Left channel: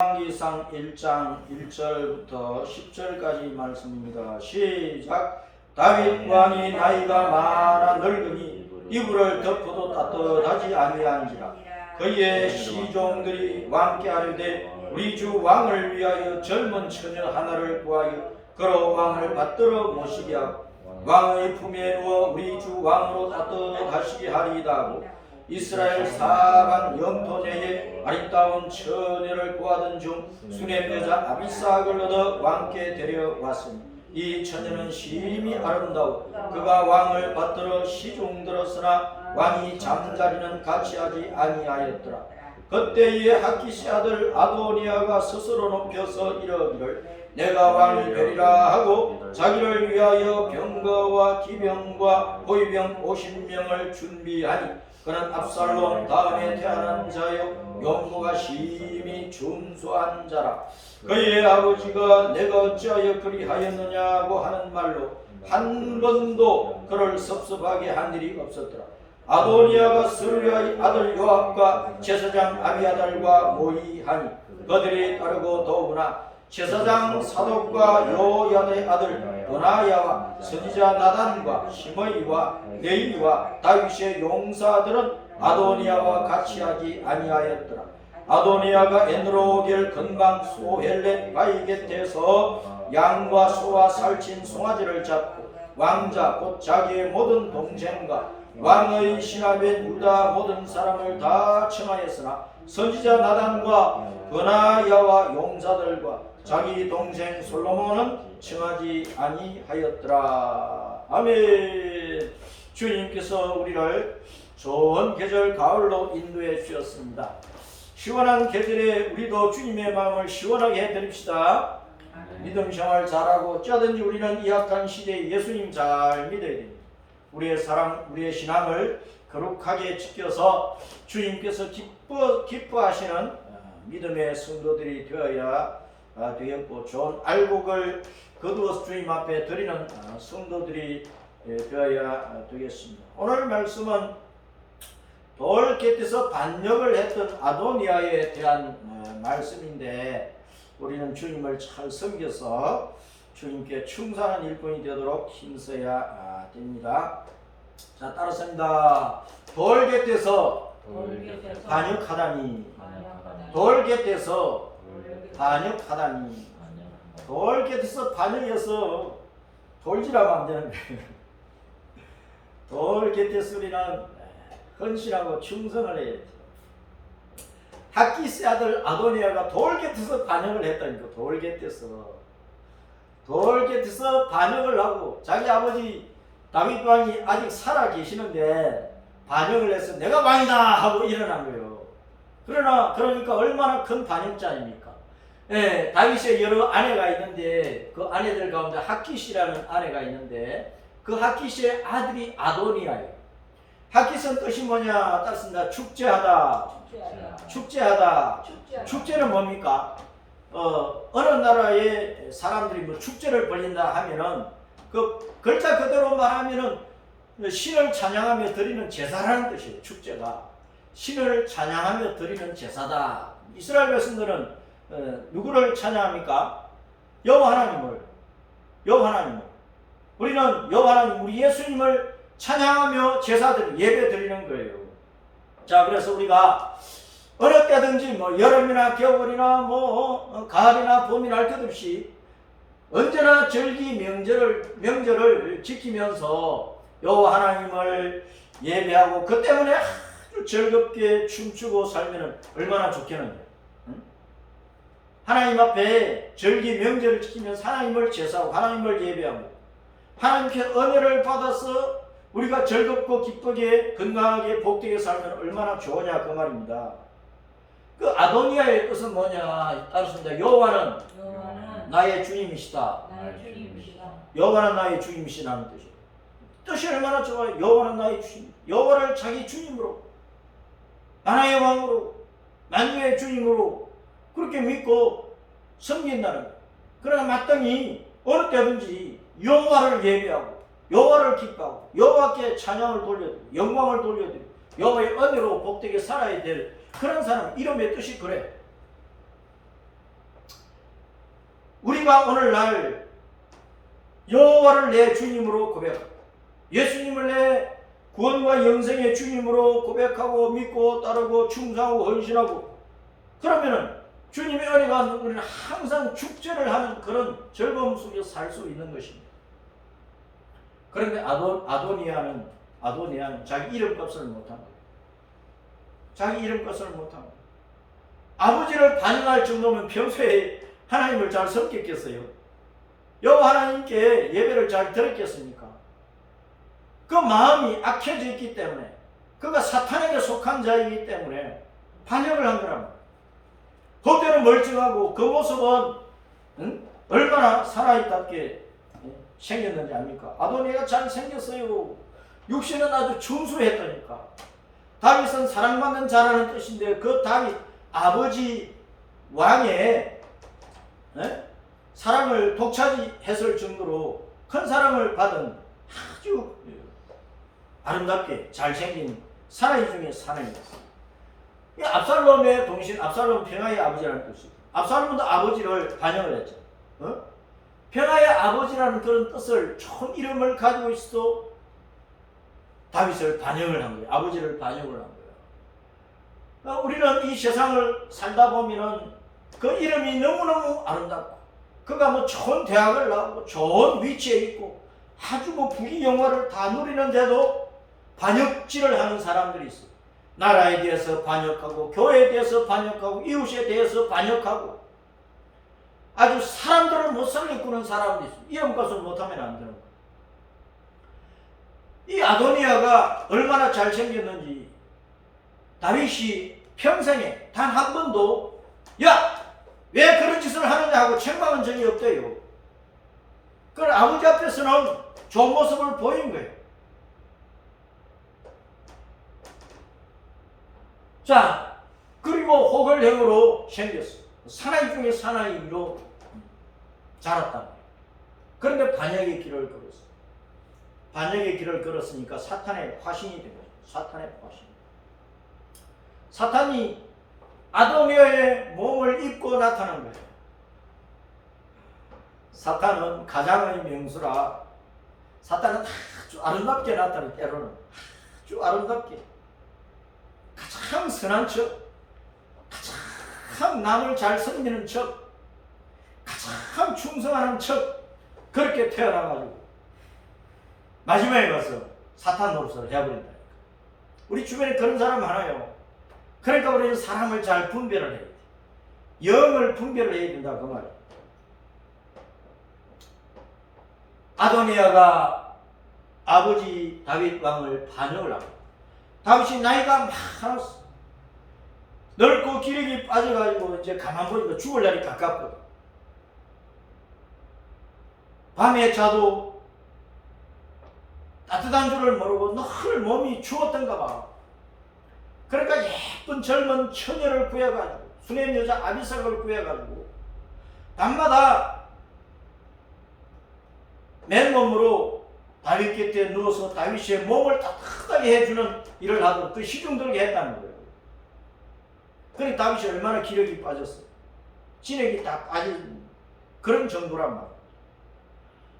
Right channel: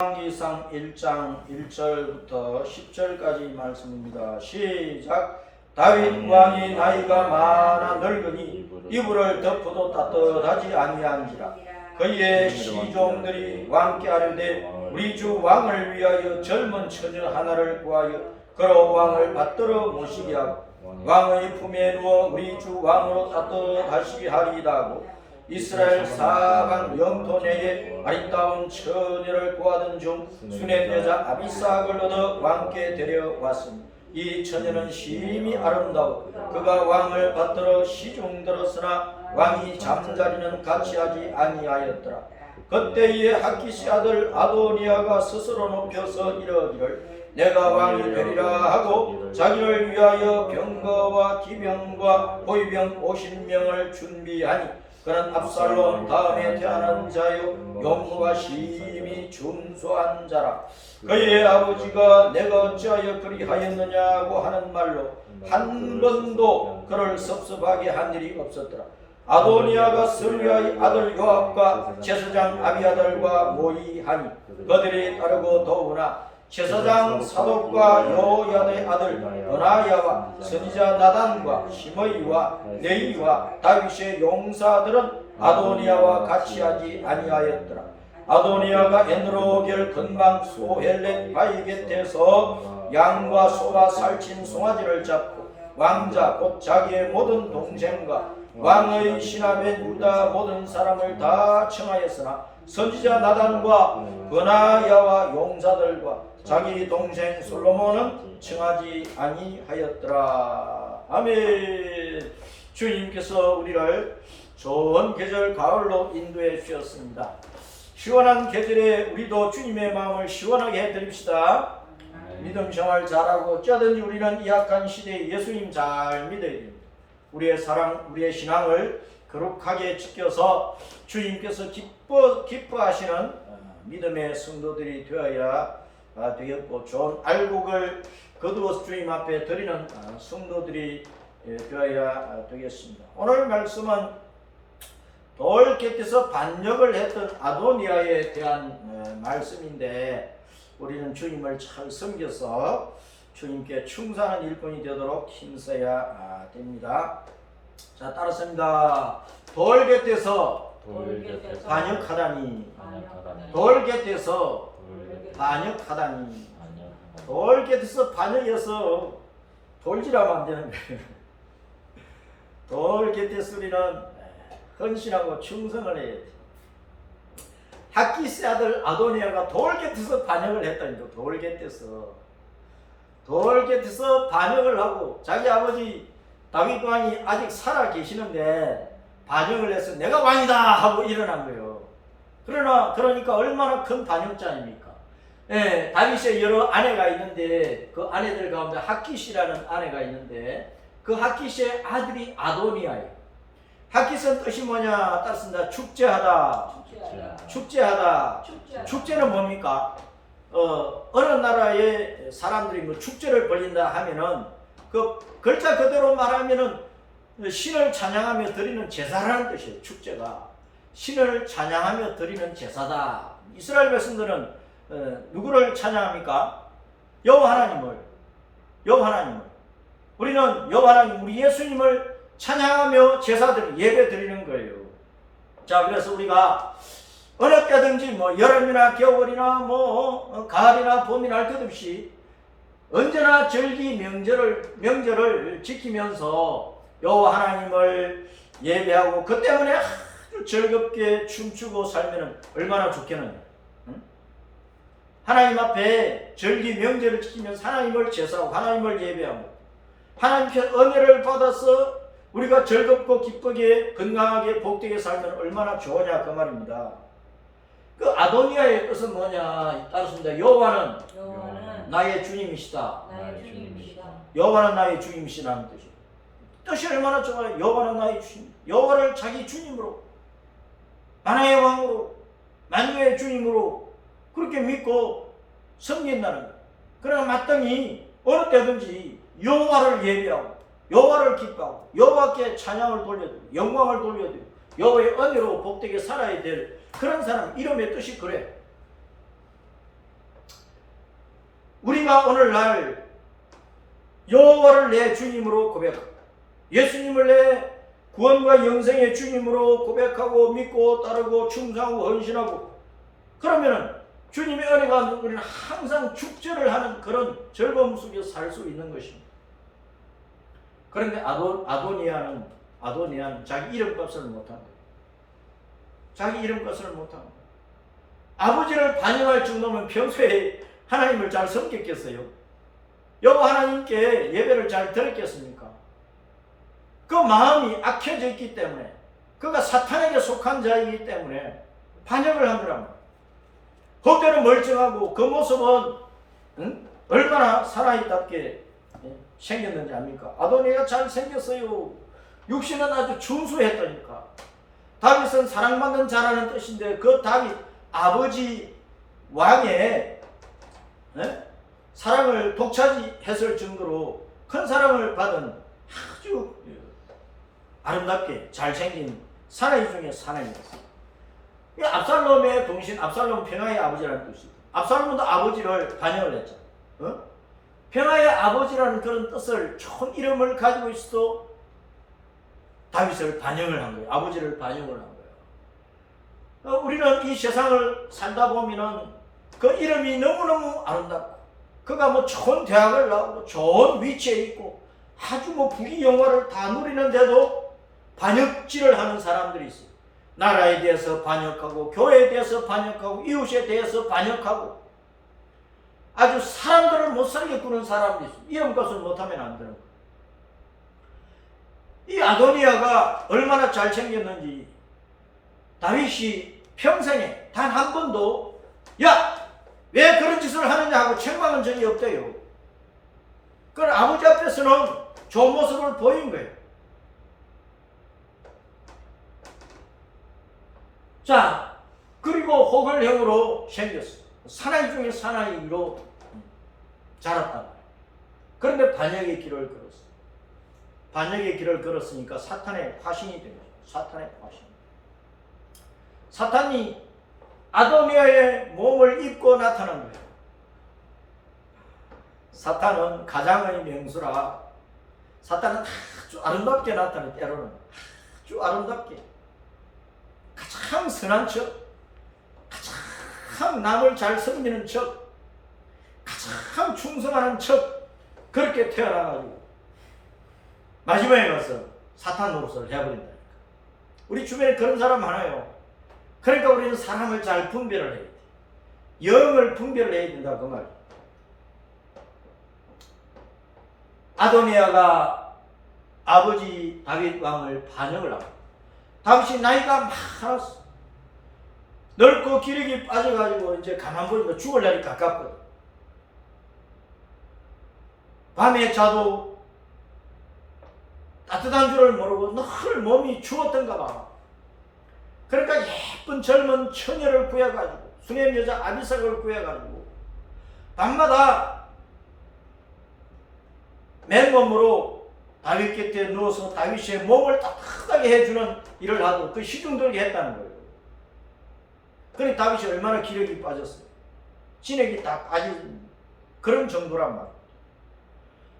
열왕기상 1장 1절부터 10절까지 말씀입니다. 시작. 다윗 왕이 나이가 많아 늙으니 이불을 덮어도 따뜻하지 아니한지라. 그의 시종들이 왕께 아뢰되 우리 주 왕을 위하여 젊은 처녀 하나를 구하여 그로 왕을 받들어 모시게 하고 왕의 품에 누워 우리 주 왕으로 따뜻하시게 하리이다 하고 이스라엘 사방 영토 내에 아리따운 처녀를 구하던 중 수넴 여자 아비삭을 얻어 왕께 데려왔으니 이 처녀는 심히 아름다워 그가 왕을 받들어 시중들었으나 왕이 잠자리는 같이 하지 아니하였더라. 그때에 학기시 아들 아도니아가 스스로 높여서 이르기를 내가 왕이 되리라 하고 자기를 위하여 병거와 기병과 호위병 50명을 준비하니 그는 압살롬 다음에 태어난 자요 용모가 심히 준수한 자라. 그의 아버지가 내가 어찌하여 그리하였느냐고 하는 말로 한 번도 그를 섭섭하게 한 일이 없었더라. 아도니아가 스루야의 아들 요압과 제사장 아비아달과 모의하니 그들이 따르고 더구나 제사장 사독과 요야다의 아들 드나야와 선지자 나단과 시므이와 레이와 다윗의 용사들은 아도니아와 같이 하지 아니하였더라. 아도니아가 엔로겔 근방 소헬렛 바위 곁에서 양과 소와 살친 송아지를 잡고 왕자 곧 자기의 모든 동생과 왕의 신하된 유다 모든 사람을 다 청하였으나 선지자 나단과 그나야와 용사들과 자기 동생 솔로몬은 청하지 아니하였더라. 아멘. 주님께서 우리를 좋은 계절 가을로 인도해 주셨습니다. 시원한 계절에 우리도 주님의 마음을 시원하게 해드립시다. 믿음 생활 잘하고 어쩌든지 우리는 이 약한 시대에 예수님 잘 믿어야 됩니다. 우리의 사랑, 우리의 신앙을 거룩하게 지켜서 주님께서 기뻐하시는 믿음의 성도들이 되어야 되겠고 좋은 알곡을 거두어서 주님 앞에 드리는 성도들이 되어야 되겠습니다. 오늘 말씀은 돌 곁에서 반역을 했던 아도니아에 대한 말씀인데 우리는 주님을 잘 섬겨서 주님께 충성하는 일꾼이 되도록 힘써야 됩니다. 자, 따라서입니다. 돌 곁에서 반역하다니 돌 곁에서 반역하다니 돌 곁에서 반역해서 돌질하면 안 되는 거예요. 돌 곁에서 우리는 헌신하고 충성을 해야 돼요. 학기스 아들 아도니아가 돌 곁에서 반역을 했다니까. 돌 곁에서 반역을 하고 자기 아버지 다윗 왕이 아직 살아 계시는데 반역을 해서 내가 왕이다 하고 일어난 거예요. 그러니까 얼마나 큰 반역자입니까? 예, 다윗의 여러 아내가 있는데 그 아내들 가운데 학기시라는 아내가 있는데 그 학기시의 아들이 아도니아예요. 학기스는 뜻이 뭐냐? 따습니다. 축제하다. 축제는 뭡니까? 어느 나라의 사람들이 뭐 축제를 벌린다 하면은 그 글자 그대로 말하면은 신을 찬양하며 드리는 제사라는 뜻이에요. 축제가 신을 찬양하며 드리는 제사다. 이스라엘 백성들은 누구를 찬양합니까? 여호와 하나님을. 우리는 여호와 하나님, 우리 예수님을 찬양하며 제사드리는 예배 드리는 거예요. 자, 그래서 우리가 어느 때든지 뭐 여름이나 겨울이나 뭐 가을이나 봄이나 할 것 없이 언제나 절기 명절을 지키면서 여호와 하나님을 예배하고 그 때문에 아주 즐겁게 춤추고 살면 얼마나 좋겠느냐. 응? 하나님 앞에 절기 명절을 지키면서 하나님을 제사하고 하나님을 예배하고 하나님께 은혜를 받아서 우리가 즐겁고 기쁘게 건강하게 복되게 살면 얼마나 좋으냐 그 말입니다. 그 아도니아의 뜻은 뭐냐? 따르습니다. 여호와는 나의 주님이시다. 여호와는 나의 주님이시라는 뜻이에요. 뜻이 얼마나 좋아요. 여호와는 나의 주님. 여호와를 자기 주님으로, 하나의 왕으로, 만유의 주님으로 그렇게 믿고 섬긴다는 거예요. 그러나 마땅히 어느 때든지 여호와를 예배하고 여호와를 기뻐하고 여호와께 찬양을 돌려드리고 영광을 돌려드리고 여호와의 은혜로 복되게 살아야 될 그런 사람, 이름의 뜻이 그래. 우리가 오늘날 여호와를 내 주님으로 고백하고 예수님을 내 구원과 영생의 주님으로 고백하고 믿고 따르고 충성하고 헌신하고 그러면은 주님의 은혜가 우리는 항상 축제를 하는 그런 즐거움 속에서 살 수 있는 것입니다. 그런데 아도니아는 자기 이름값을 못한 거예요. 자기 이름값을 못한 거예요. 아버지를 반영할 정도면 평소에 하나님을 잘 섬겼겠어요? 여호와 하나님께 예배를 잘 드렸겠습니까? 그 마음이 악해져 있기 때문에 그가 사탄에게 속한 자이기 때문에 반역을 한 거랍니다. 겉에는 멀쩡하고 그 모습은 얼마나 사나이답게 생겼는지 압니까? 아도니아가 잘 생겼어요. 육신은 아주 준수했다니까. 다윗은 사랑받는 자라는 뜻인데 그 다윗 아버지 왕의 사랑을 독차지했을 정도로 큰 사랑을 받은 아주 아름답게 잘생긴 사나이 중에 사나이였어요. 압살롬의 동신, 압살롬 평화의 아버지라는 뜻이에요. 압살롬도 아버지를 반역을 했잖아요. 평화의 아버지라는 그런 뜻을 좋은 이름을 가지고 있어도 다윗을 반역을 한 거예요. 아버지를 반역을 한 거예요. 우리는 이 세상을 살다 보면은 그 이름이 너무너무 아름답고 그가 뭐 좋은 대학을 나오고 좋은 위치에 있고 아주 뭐 부귀영화를 다 누리는데도 반역질을 하는 사람들이 있어요. 나라에 대해서 반역하고 교회에 대해서 반역하고 이웃에 대해서 반역하고 아주 사람들을 못 살게 구는 사람들이 있어요. 이름값을 못하면 안 되는 거예요. 이 아도니아가 얼마나 잘생겼는지 다윗이 평생에 단 한 번도 야! 왜 그런 짓을 하느냐 하고 책망한 적이 없대요. 그걸 아버지 앞에서는 좋은 모습을 보인 거예요. 자, 그리고 호걸행으로 생겼어요. 사나이 중에 사나이로 자랐단 말이에요. 그런데 반역의 길을 걸었어요. 반역의 길을 걸었으니까 사탄의 화신이 된 거예요. 사탄의 화신. 사탄이 아도니아의 몸을 입고 나타난 거예요. 사탄은 가장의 명수라 사탄은 아주 아름답게 나타나요. 때로는 아주 아름답게 가장 선한 척, 가장 남을 잘 섬기는 척, 가장 충성하는 척 그렇게 태어나가지고 마지막에 가서 사탄 노릇을 해버린다니까. 우리 주변에 그런 사람 많아요. 그러니까 우리는 사람을 잘 분별을 해야 돼. 영을 분별을 해야 된다 그 말이에요. 아도니아가 아버지 다윗 왕을 반역을 하고 다윗이 나이가 많았어. 넓고 기력이 빠져가지고 이제 가만 보니까 죽을 날이 가깝거든. 밤에 자도 따뜻한 줄을 모르고 늘 몸이 죽었던가 봐. 그러니까 예쁜 젊은 처녀를 구해가지고 수냄 여자 아비삭을 구해가지고 밤마다 맨몸으로 다윗 곁에 누워서 다윗의 몸을 따뜻하게 해주는 일을 하도록 그 시중들게 했다는 거예요. 그러니 다윗이 얼마나 기력이 빠졌어요. 진액이 다 빠진 그런 정도란 말이에요.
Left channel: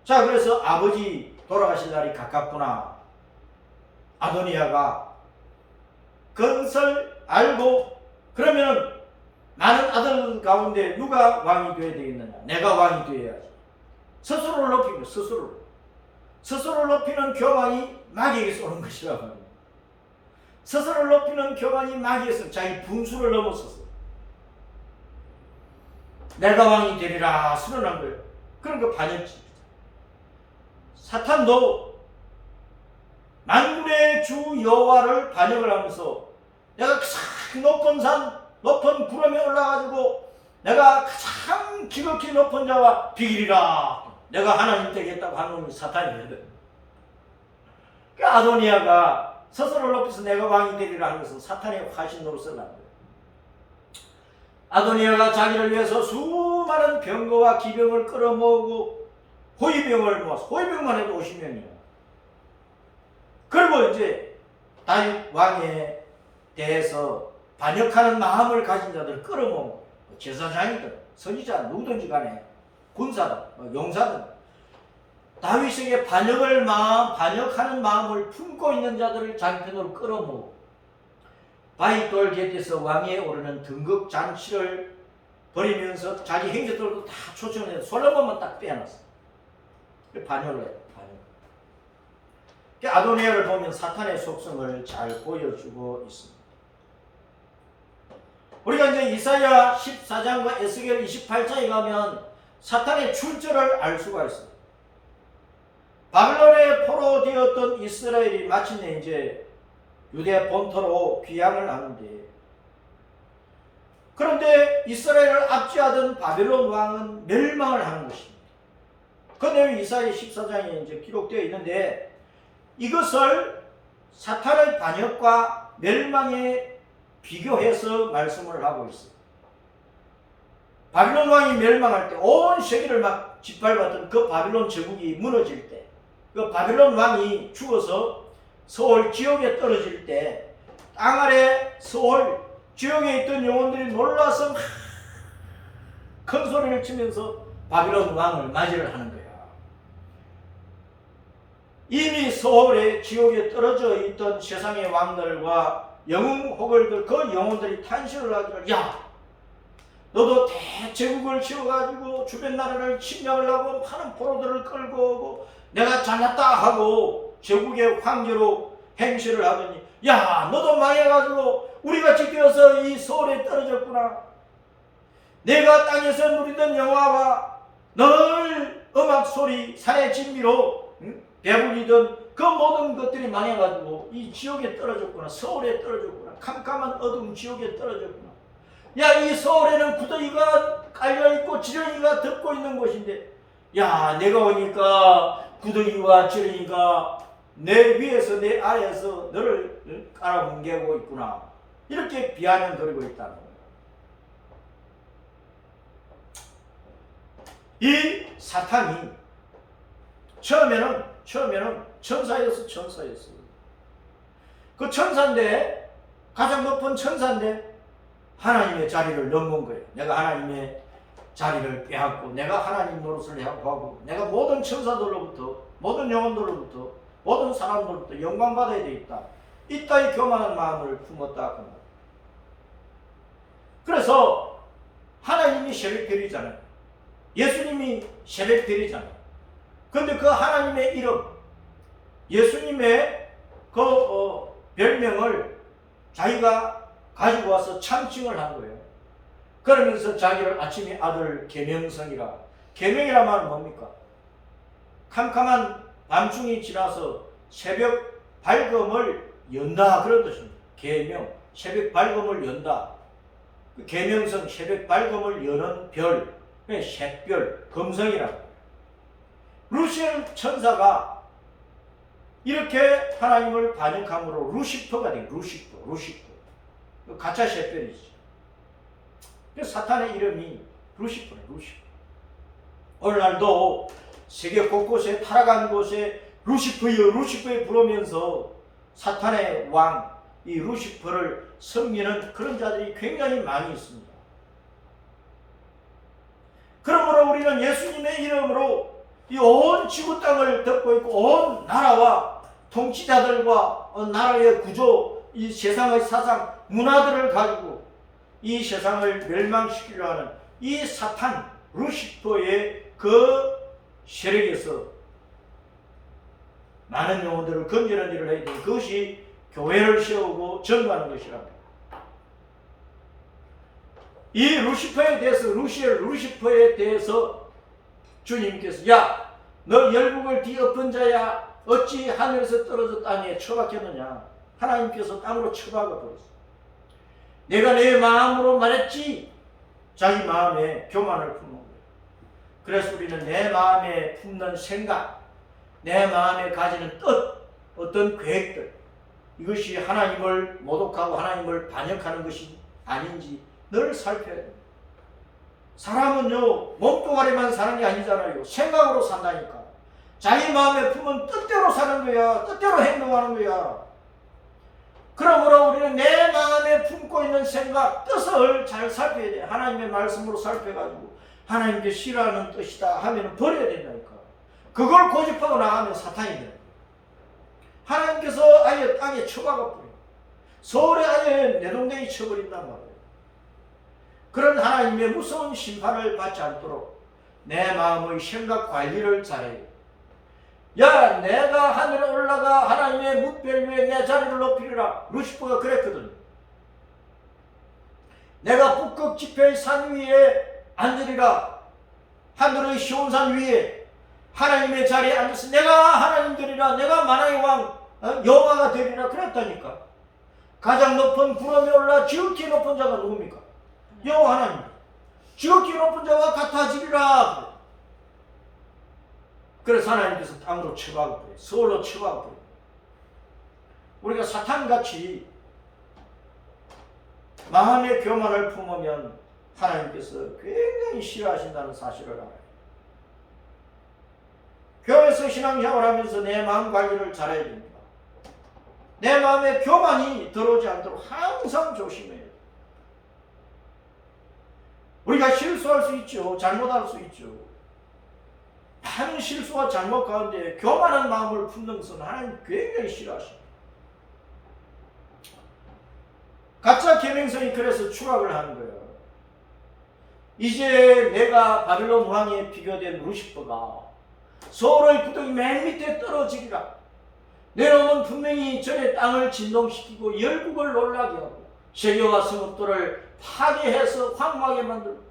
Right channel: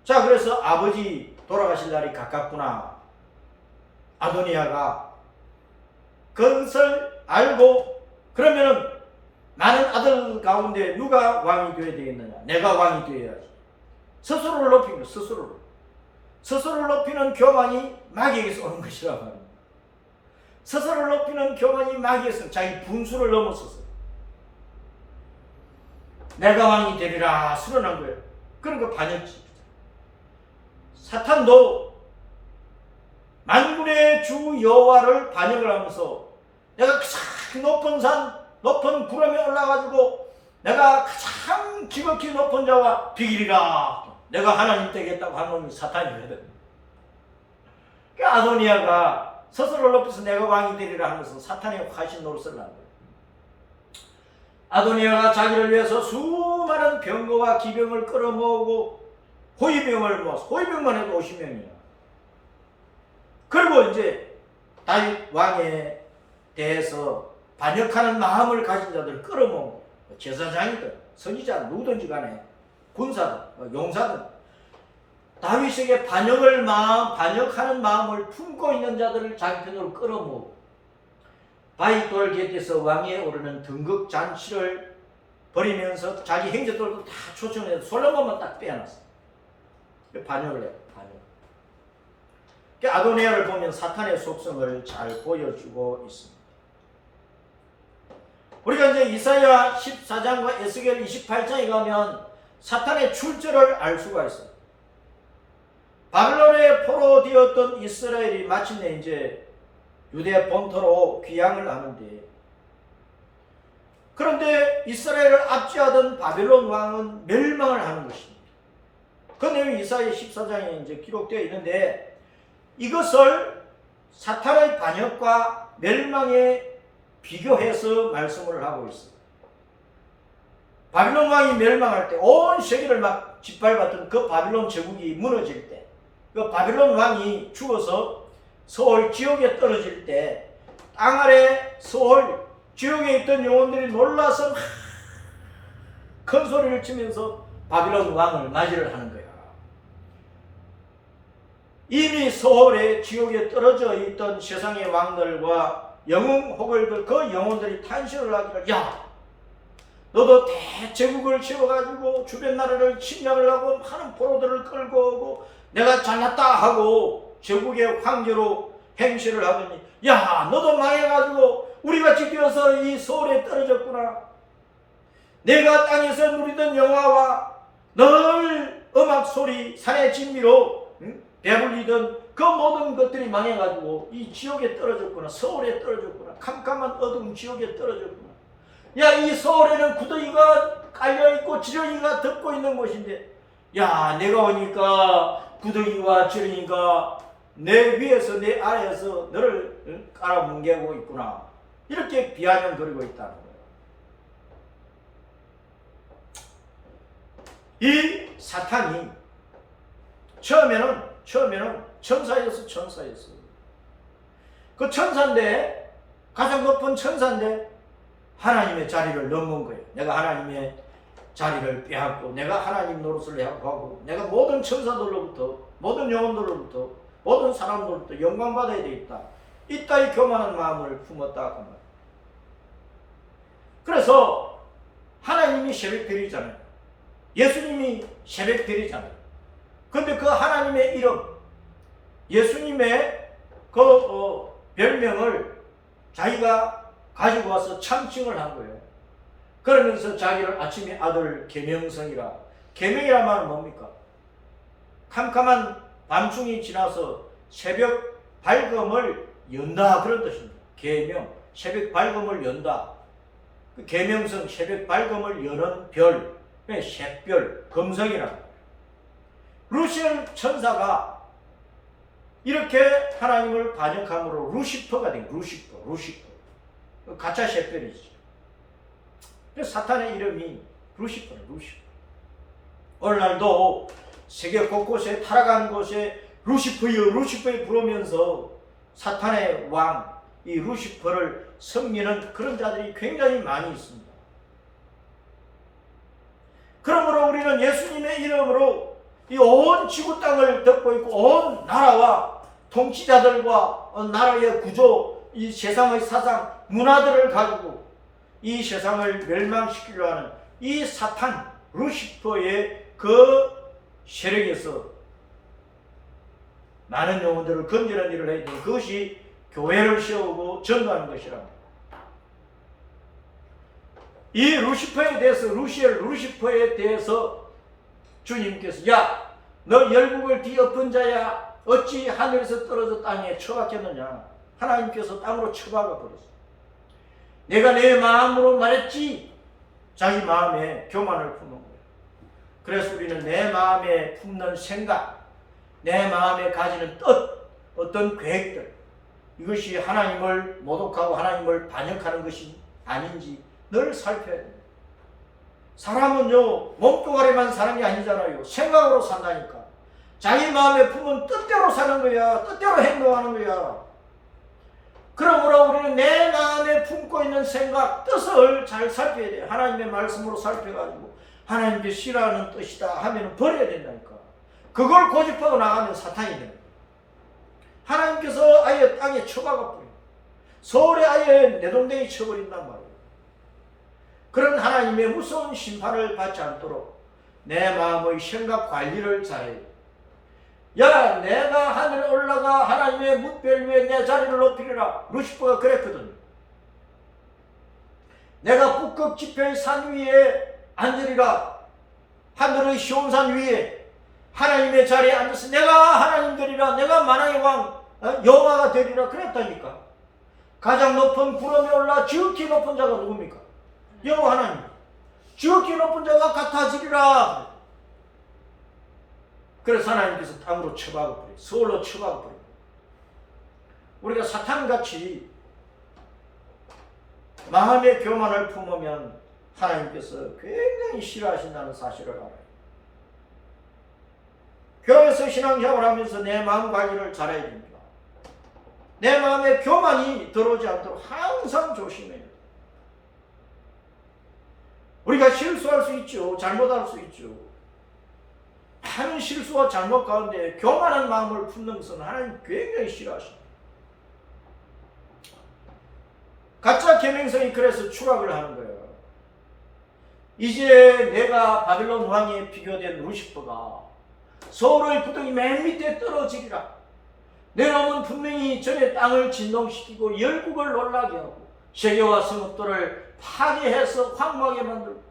자, 그래서 아버지 돌아가실 날이 가깝구나. 아도니아가 그것을 알고 그러면 많은 아들 가운데 누가 왕이 되어야 되겠느냐? 내가 왕이 되어야지. 스스로를 높이는 스스로를 높이는 교만이 마귀에게서 오는 것이라 말입니다. 스스로를 높이는 교만이 마귀에서 자기 분수를 넘어서서 내가 왕이 되리라 수련한 거예요. 그런 거 반역지. 사탄도 만군의 주 여호와를 반역을 하면서 내가 가장 높은 산, 높은 구름에 올라가지고 내가 가장 지극히 높은 자와 비기리라. 내가 하나님 되겠다고 한 놈이 사탄이거든. 그러니까 아도니아가 스스로를 높여서 내가 왕이 되리라 하는 것은 사탄의 화신 노릇을 한 거예요. 아도니아가 자기를 위해서 수많은 병거와 기병을 끌어모으고 호위병을 모아서 호위병만 해도 50명이야. 그리고 이제 다윗 왕에 대해서 반역하는 마음을 가진 자들 끌어모으고 제사장이든 선지자 누구든지 간에 군사든 용사든 다윗에게 반역하는 마음을 품고 있는 자들을 자기 편으로 끌어모으고 바윗돌 곁에서 왕위에 오르는 등극 잔치를 벌이면서 자기 행적들도 다 초청을 해서 솔로몬만 딱 빼놨어. 반역을 해요. 반역. 아도니아를 보면 사탄의 속성을 잘 보여주고 있습니다. 우리가 이제 이사야 14장과 에스겔 28장에 가면 사탄의 출처를 알 수가 있습니다. 바빌론의 포로되었던 이스라엘이 마침내 이제 유대 본토로 귀향을 하는데, 그런데 이스라엘을 압제하던 바빌론 왕은 멸망을 하는 것입니다. 그 내용이 이사야 14장에 이제 기록되어 있는데, 이것을 사탄의 반역과 멸망에 비교해서 말씀을 하고 있어요. 바빌론 왕이 멸망할 때 온 세계를 막 짓밟았던 그 바빌론 제국이 무너질 때, 그 바빌론 왕이 죽어서 서울 지옥에 떨어질 때 땅 아래 서울 지옥에 있던 영혼들이 놀라서 막 큰 소리를 치면서 바빌론 왕을 맞이를 하는 거야. 이미 서울에 지옥에 떨어져 있던 세상의 왕들과 영웅 호걸들, 그 영혼들이 탄식을 하기를, 야, 너도 대제국을 지어가지고 주변 나라를 침략을 하고 많은 포로들을 끌고 오고 내가 잘났다 하고 제국의 황제로 행세를 하더니, 야, 너도 망해가지고 우리같이 되어서 이 서울에 떨어졌구나. 내가 땅에서 누리던 영화와 늘 음악 소리, 산의 진미로 배불리던 그 모든 것들이 망해가지고 이 지옥에 떨어졌구나. 서울에 떨어졌구나. 캄캄한 어두운 지옥에 떨어졌구나. 야, 이 서울에는 구더기가 깔려있고 지렁이가 덮고 있는 곳인데, 야, 내가 오니까 구더기와 지렁이가 내 위에서 내 아래에서 너를 깔아뭉개고 있구나. 이렇게 비아냥거리고 있다는 거예요. 이 사탄이 처음에는 천사였어요. 그 천사인데, 가장 높은 천사인데 하나님의 자리를 넘은 거예요. 내가 하나님의 자리를 빼앗고 내가 하나님 노릇을 하고 내가 모든 천사들로부터, 모든 영혼들로부터, 모든 사람들로부터 영광받아야 되겠다. 이따위 교만한 마음을 품었다. 그래서 하나님이 새벽별이잖아요. 예수님이 새벽별이잖아요. 그런데 그 하나님의 이름, 예수님의 그 별명을 자기가 가지고 와서 참칭을 한 거예요. 그러면서 자기를 아침에 아들 계명성이라. 계명이란 말은 뭡니까? 캄캄한 밤중이 지나서 새벽 밝음을 연다, 그런 뜻입니다. 계명, 새벽 밝음을 연다. 그 계명성, 새벽 밝음을 여는 별, 샛별, 금성이라고. 루시엘 천사가 이렇게 하나님을 반역함으로 루시퍼가 된, 루시퍼. 가짜 샛별이지. 사탄의 이름이 루시퍼네, 루시퍼. 오늘날도 세계 곳곳에 타락한 곳에 루시퍼여 부르면서 사탄의 왕, 이 루시퍼를 섬기는 그런 자들이 굉장히 많이 있습니다. 그러므로 우리는 예수님의 이름으로 이 온 지구 땅을 덮고 있고 온 나라와 통치자들과 나라의 구조, 이 세상의 사상, 문화들을 가지고 이 세상을 멸망시키려 하는 이 사탄, 루시퍼의 그 세력에서 많은 영혼들을 건지는 일을 해야 되는, 그것이 교회를 세우고 전도하는 것이랍니다. 이 루시퍼에 대해서, 루시퍼에 대해서 주님께서, 야, 너 열국을 뒤엎은 자야, 어찌 하늘에서 떨어져 땅에 처박혔느냐. 하나님께서 땅으로 처박아 버렸어. 내가 내 마음으로 말했지. 자기 마음에 교만을 품는 거예요. 그래서 우리는 내 마음에 품는 생각, 내 마음에 가지는 뜻, 어떤 계획들, 이것이 하나님을 모독하고 하나님을 반역하는 것이 아닌지 늘 살펴야 됩니다. 사람은요, 몸뚱아리만 사는 게 아니잖아요. 생각으로 산다니까. 자기 마음에 품은 뜻대로 사는 거야. 뜻대로 행동하는 거야. 그러므로 우리는 내 마음에 품고 있는 생각, 뜻을 잘 살펴야 돼. 하나님의 말씀으로 살펴가지고 하나님께 싫어하는 뜻이다 하면 버려야 된다니까. 그걸 고집하고 나가면 사탄이 돼요. 하나님께서 아예 땅에 쳐박아 버려요. 서울에 아예 내동댕이 쳐버린단 말이에요. 그런 하나님의 무서운 심판을 받지 않도록 내 마음의 생각 관리를 잘해요. 야, 내가 하늘에 올라가 하나님의 뭇별 위에 내 자리를 높이리라. 루시퍼가 그랬거든. 내가 북극 지폐의 산 위에 앉으리라. 하늘의 시온산 위에 하나님의 자리에 앉아서 내가 하나님 되리라. 내가 만왕의 왕 여호와가 되리라. 그랬다니까. 가장 높은 구름에 올라 지극히 높은 자가 누굽니까? 여호와 하나님. 지극히 높은 자가 같아지리라. 그래서 하나님께서 땅으로 쳐박아버려요. 서울로 쳐박아버려요. 우리가 사탄같이 마음의 교만을 품으면 하나님께서 굉장히 싫어하신다는 사실을 알아요. 교회에서 신앙생활을 하면서 내 마음 관리를 잘해야 됩니다. 내 마음에 교만이 들어오지 않도록 항상 조심해야 돼요. 우리가 실수할 수 있죠. 잘못할 수 있죠. 많은 실수와 잘못 가운데 교만한 마음을 품는 것은 하나님 굉장히 싫어하십니다. 가짜 계명성이 그래서 추락을 하는 거예요. 이제 내가 바벨론 왕에 비교된 루시퍼가 서울의 구덩이 맨 밑에 떨어지리라. 내 놈은 분명히 전에 땅을 진동시키고 열국을 놀라게 하고 세계와 성읍들을 파괴해서 황망하게 만들고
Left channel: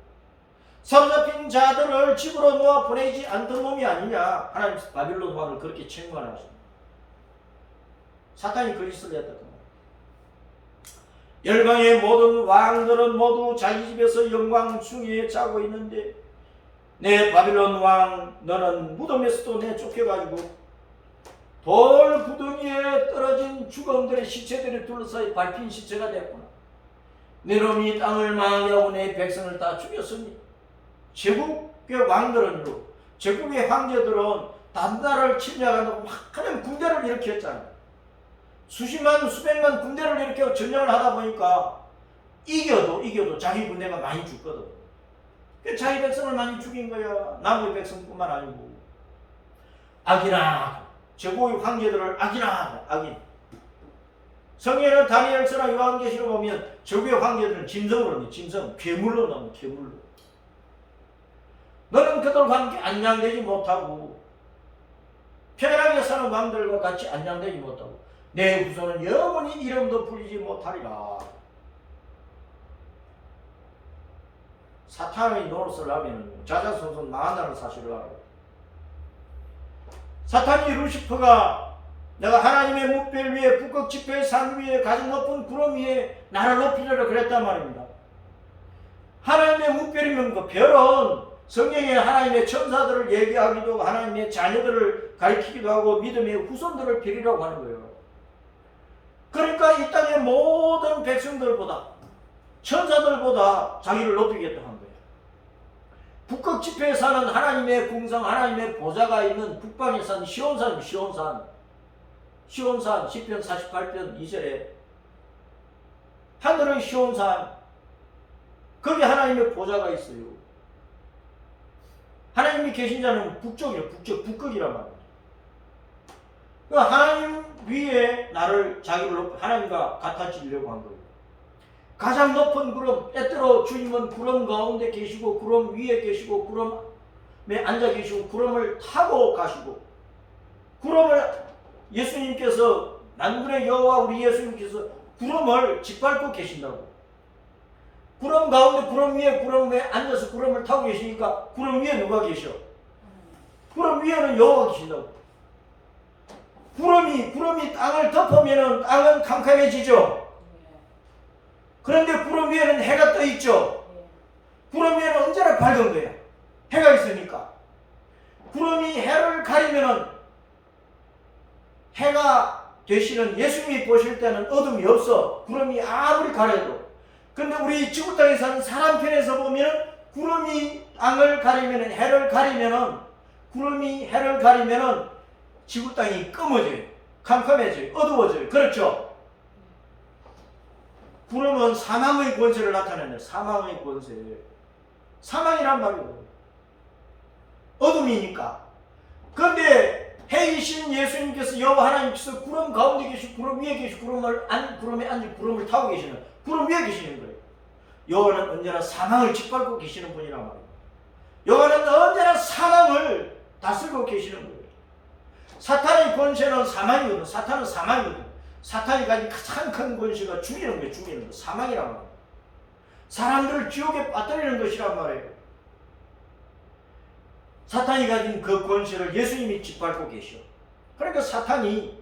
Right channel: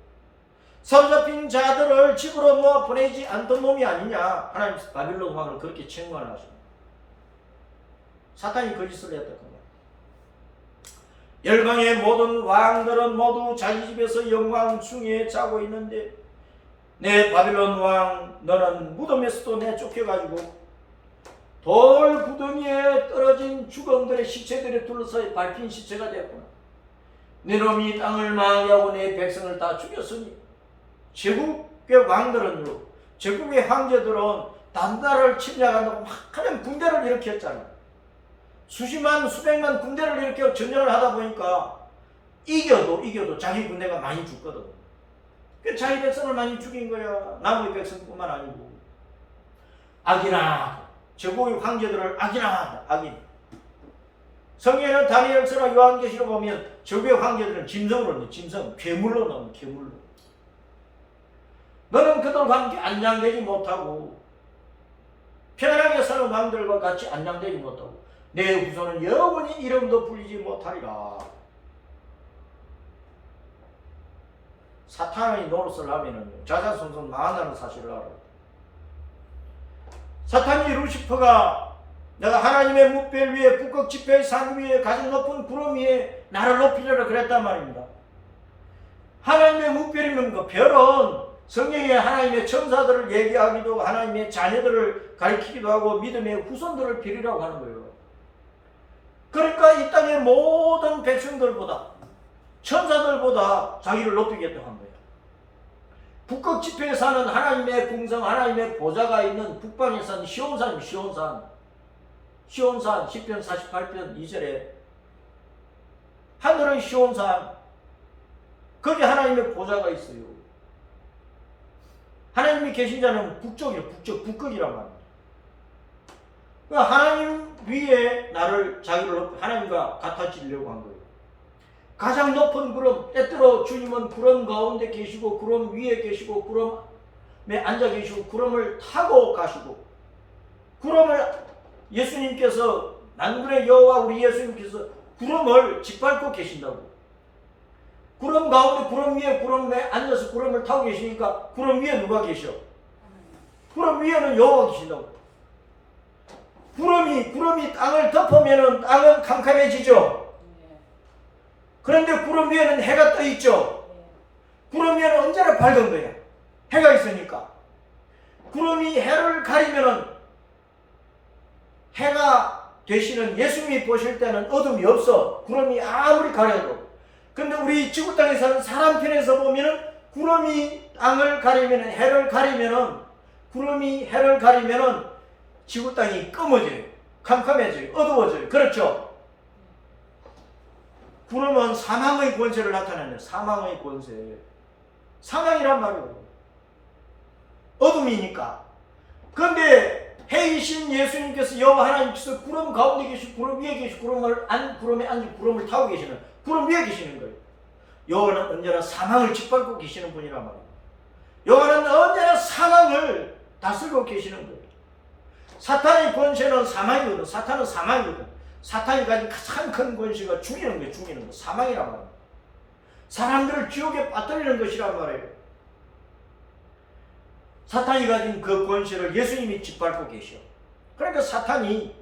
사로잡힌 자들을 집으로 모아 보내지 않던 놈이 아니냐. 하나님 바빌론 왕을 그렇게 책망하십니다. 사탄이 거짓을 했다. 열방의 모든 왕들은 모두 자기 집에서 영광 중에 자고 있는데 내 바빌론 왕 너는 무덤에서도 내쫓겨가지고 돌 구덩이에 떨어진 죽음들의 시체들에 둘러싸여 밟힌 시체가 됐구나. 네 놈이 땅을 망하고 내 백성을 다 죽였으니 제국의 왕들은요, 제국의 황제들은 다른 나라를 침략한다고 막 그냥 군대를 일으켰잖아요. 수십만 수백만 군대를 이렇게 전쟁을 하다 보니까 이겨도 자기 군대가 많이 죽거든. 자기 백성을 많이 죽인 거야. 남의 백성뿐만 아니고. 악이나 제국의 황제들을 악이나 악인. 성경에는 다니엘서나 요한계시로 보면 제국의 황제들은 짐승으로 넣는 짐승, 괴물로 넣는 괴물로. 너는 그들과 함께 안장되지 못하고 편안하게 사는 왕들과 같이 안장되지 못하고 내 후손은 영원히 이름도 불리지 못하리라. 사탄의 노릇을 하면 자자손손 망한다는 사실을 알아요. 사탄이 루시퍼가 내가 하나님의 뭇별 위에 북극 지폐의 산 위에 가장 높은 구름 위에 나를 높이려라 그랬단 말입니다. 하나님의 뭇별이면 그 별은 성경에 하나님의 천사들을 얘기하기도 하나님의 자녀들을 가리키기도 하고 믿음의 후손들을 빌리라고 하는 거예요. 그러니까 이 땅의 모든 백성들보다 천사들보다 자기를 높이겠다고 한 거예요. 북극 지폐에 사는 하나님의 궁상 하나님의 보좌가 있는 북방에 사는 시온산 시편 48편 2절에 하늘은 시온산 거기 하나님의 보좌가 있어요. 하나님이 계신 자는 북쪽이에요. 북극이란 말입니다. 하나님 위에 나를 자기를 높여 하나님과 같아지려고 한 거예요. 가장 높은 구름, 때때로 주님은 구름 가운데 계시고 구름 위에 계시고 구름에 앉아 계시고 구름을 타고 가시고 구름을 예수님께서 만군의 여호와 우리 예수님께서 구름을 짓밟고 계신다고. 구름 가운데 구름 위에 앉아서 구름을 타고 계시니까 구름 위에 누가 계셔? 구름 위에는 여호와가 계신다고. 구름이 땅을 덮으면 땅은 캄캄해지죠. 그런데 구름 위에는 해가 떠 있죠. 구름 위에는 언제나 밝은 거야. 해가 있으니까. 구름이 해를 가리면은 해가 되시는 예수님이 보실 때는 어둠이 없어. 구름이 아무리 가려도. 근데 우리 지구 땅에 사는 사람 편에서 보면은 구름이 땅을 가리면은 구름이 해를 가리면은 지구 땅이 검어져요. 캄캄해져요. 어두워져요. 그렇죠? 구름은 사망의 권세를 나타내는 사망의 권세. 사망이란 말이에요. 어둠이니까. 그런데 해이신 예수님께서 여호와 하나님께서 구름 가운데 계시고 구름 위에 계시고 구름에 앉으 구름을 타고 계시는, 구름 위에 계시는 거예요. 여호와는 언제나 사망을 짓밟고 계시는 분이란 말이에요. 여호와는 언제나 사망을 다스리고 계시는 거예요. 사탄의 권세는 사망이거든. 사탄은 사망이거든. 사탄이 가진 가장 큰 권세가 죽이는 거예요. 죽이는 거. 사망이란 말이에요. 사람들을 지옥에 빠뜨리는 것이란 말이에요. 사탄이 가진 그 권세를 예수님이 짓밟고 계셔. 그러니까 사탄이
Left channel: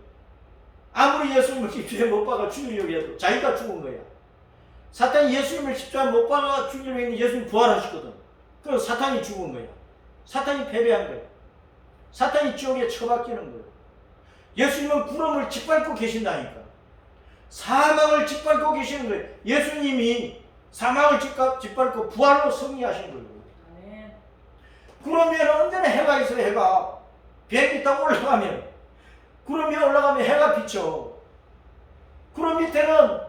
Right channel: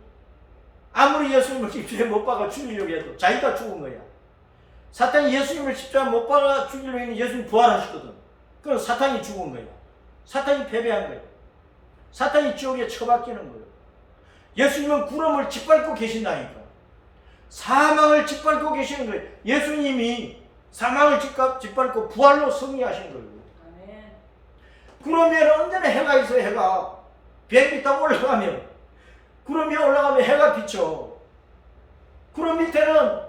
아무리 예수님을 십자가에 못 박아 죽이려고 해도 자기가 죽은 거야. 사탄이 예수님을 십자가에 못 박아 죽이려고 했는데 예수님 부활하셨거든. 그럼 사탄이 죽은 거야. 사탄이 패배한 거야. 사탄이 지옥에 처박히는 거예요. 예수님은 구름을 짓밟고 계신다니까. 사망을 짓밟고 계시는 거예요. 예수님이 사망을 짓밟고 부활로 승리하신 거예요. 아멘. 구름에 언제나 해가 있어요. 해가 비행기 타고 올라가면 구름 위에 올라가면 해가 비쳐. 구름 밑에는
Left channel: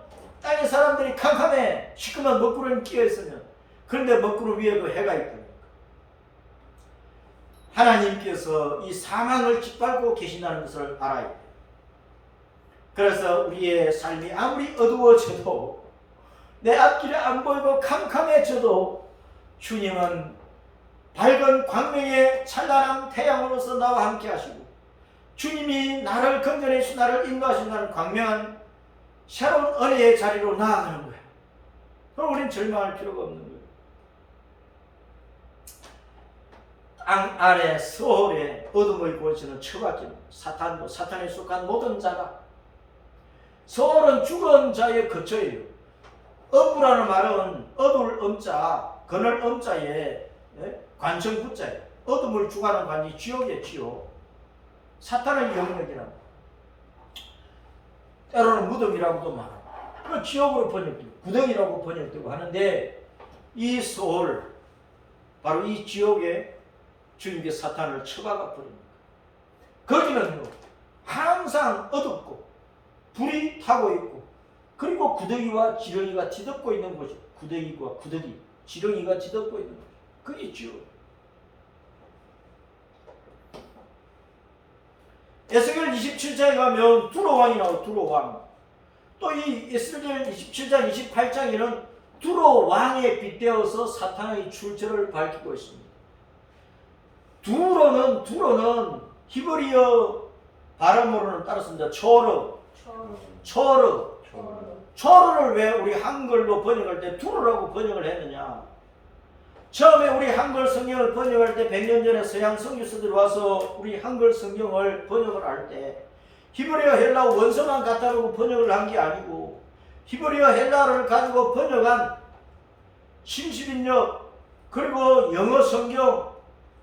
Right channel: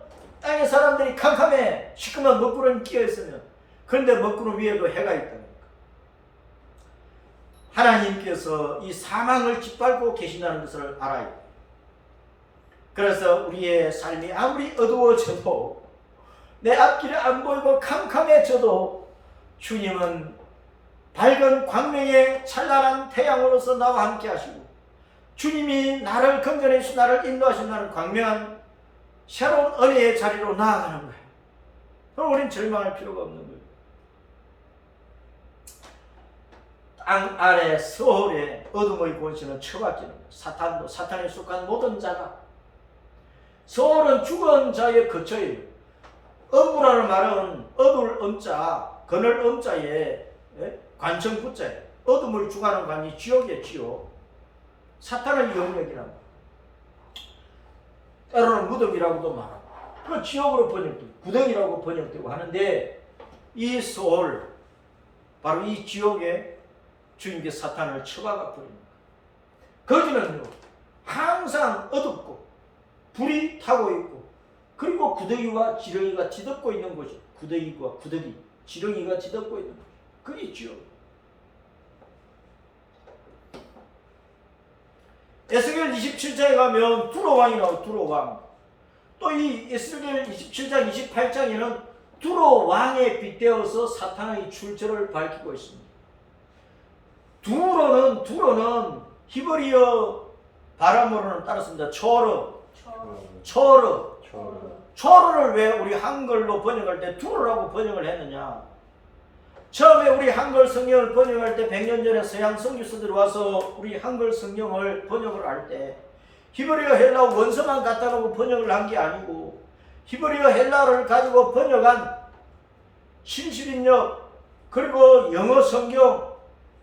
땅의 사람들이 캄캄해. 시커먼 먹구름이 끼어있으면. 그런데 먹구름 위에 그 해가 있다니까. 하나님께서 이 사망을 짓밟고 계신다는 것을 알아야 돼요. 그래서 우리의 삶이 아무리 어두워져도 내 앞길이 안 보이고 캄캄해져도 주님은 밝은 광명의 찬란한 태양으로서 나와 함께 하시고 주님이 나를 건져내 주시 나를 인도하신다는 광명한 새로운 은혜의 자리로 나아가는 거예요. 그럼 우리는 절망할 필요가 없는 거예요. 땅 아래 서울의 어둠의 권세는 처박히는 거예요. 사탄도 사탄에 속한 모든 자가. 서울은 죽은 자의 거처예요. 어부라는 말은 어둘 엄자, 그늘 엄자에 관청 붙자예요. 어둠을 주관하는 관이 지옥이에요. 지옥. 사탄의 영역이란 말이에요. 때로는 무덤이라고도 말하고 그 지옥으로 번역되고 구덩이라고 번역되고 하는데 이 서울 바로 이 지옥에 주님께서 사탄을 처박아 버립니다. 거기는요 항상 어둡고 불이 타고 있고 그리고 구더기와 지렁이가 뒤덮고 있는 곳이 구더기와 지렁이가 뒤덮고 있는 곳. 그게 지옥. 에스겔 27장에 가면 두로왕이 나오고 두로왕. 또 이 에스겔 27장 28장에는 두로왕에 빗대어서 사탄의 출처를 밝히고 있습니다. 두로는 히브리어 발음으로는 따랐습니다. 초르를 왜 우리 한글로 번역할 때 두로라고 번역을 했느냐? 처음에 우리 한글 성경을 번역할 때 100년 전에 서양 선교사들이 와서 우리 한글 성경을 번역을 할 때 히브리어 헬라어 원서만 갖다 놓고 번역을 한 게 아니고 히브리어 헬라어를 가지고 번역한 신실인역 그리고 영어 성경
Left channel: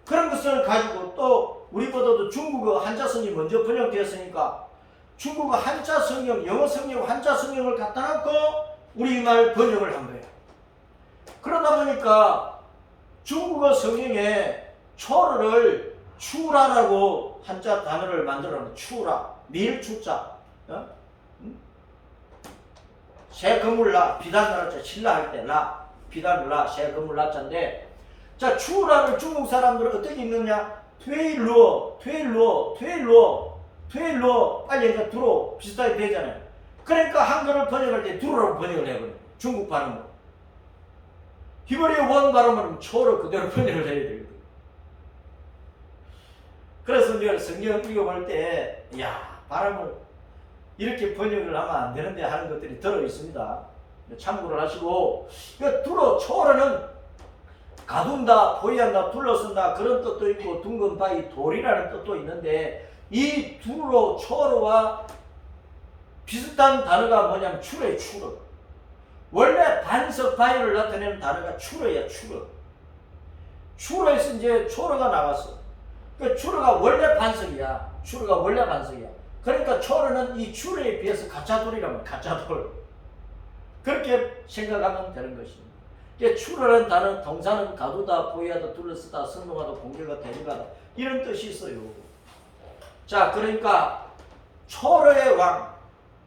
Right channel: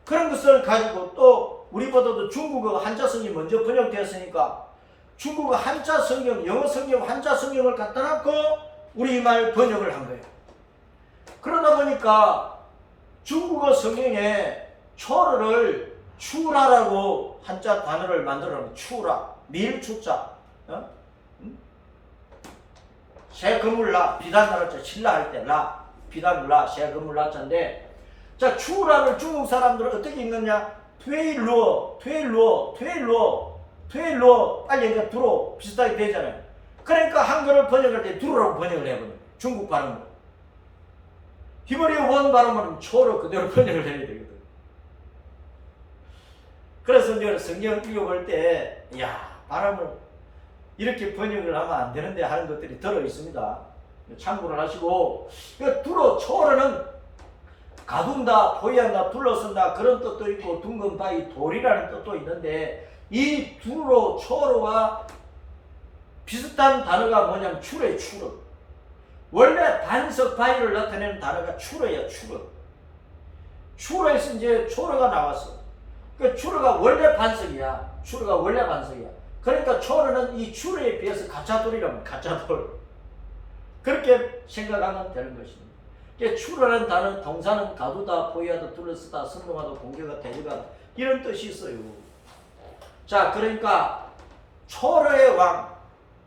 그런 것을 가지고 또 우리보다도 중국어 한자 성경이 먼저 번역되었으니까 중국어 한자 성경, 영어 성경, 한자 성경을 갖다 놓고 우리말 번역을 한 거예요. 그러다 보니까 중국어 성경에 초르를 추라라고 한자 단어를 만들어놓은 추라, 밀추자, 새 건물라, 비단 나라자, 신라 할 때 라, 비단라, 새 건물 라자인데 자 추라를 중국 사람들은 어떻게 읽느냐? 퇴일로 빨리 이제 두로 비슷하게 되잖아요. 그러니까 한글을 번역할 때 두로라고 번역을 해버려요. 중국 발음으로. 히브리어 원 발음은 초로 그대로 번역을 해야 되거든. 그래서 내가 성경을 읽어볼 때, 발음을 이렇게 번역을 하면 안 되는데 하는 것들이 들어 있습니다. 참고를 하시고, 두로, 초로는 가둔다, 포위한다, 둘러쓴다 그런 뜻도 있고, 둥근 바위, 돌이라는 뜻도 있는데, 이 두로, 초로와 비슷한 단어가 뭐냐면 추러예요, 추러. 원래 반석 바위를 나타내는 단어가 추러야, 추러. 추러에서 이제 초로가 나왔어. 그 추러가 원래 반석이야. 추러가 원래 반석이야. 그러니까 초로는 이 추러에 비해서 가짜돌이라면 가짜돌. 그렇게 생각하면 되는 것입니다. 추러라는 단어, 동사는 가두다, 포위하다, 둘러쓰다, 선동하다, 공격하다, 대적하다 이런 뜻이 있어요. 자, 그러니까 초로의 왕,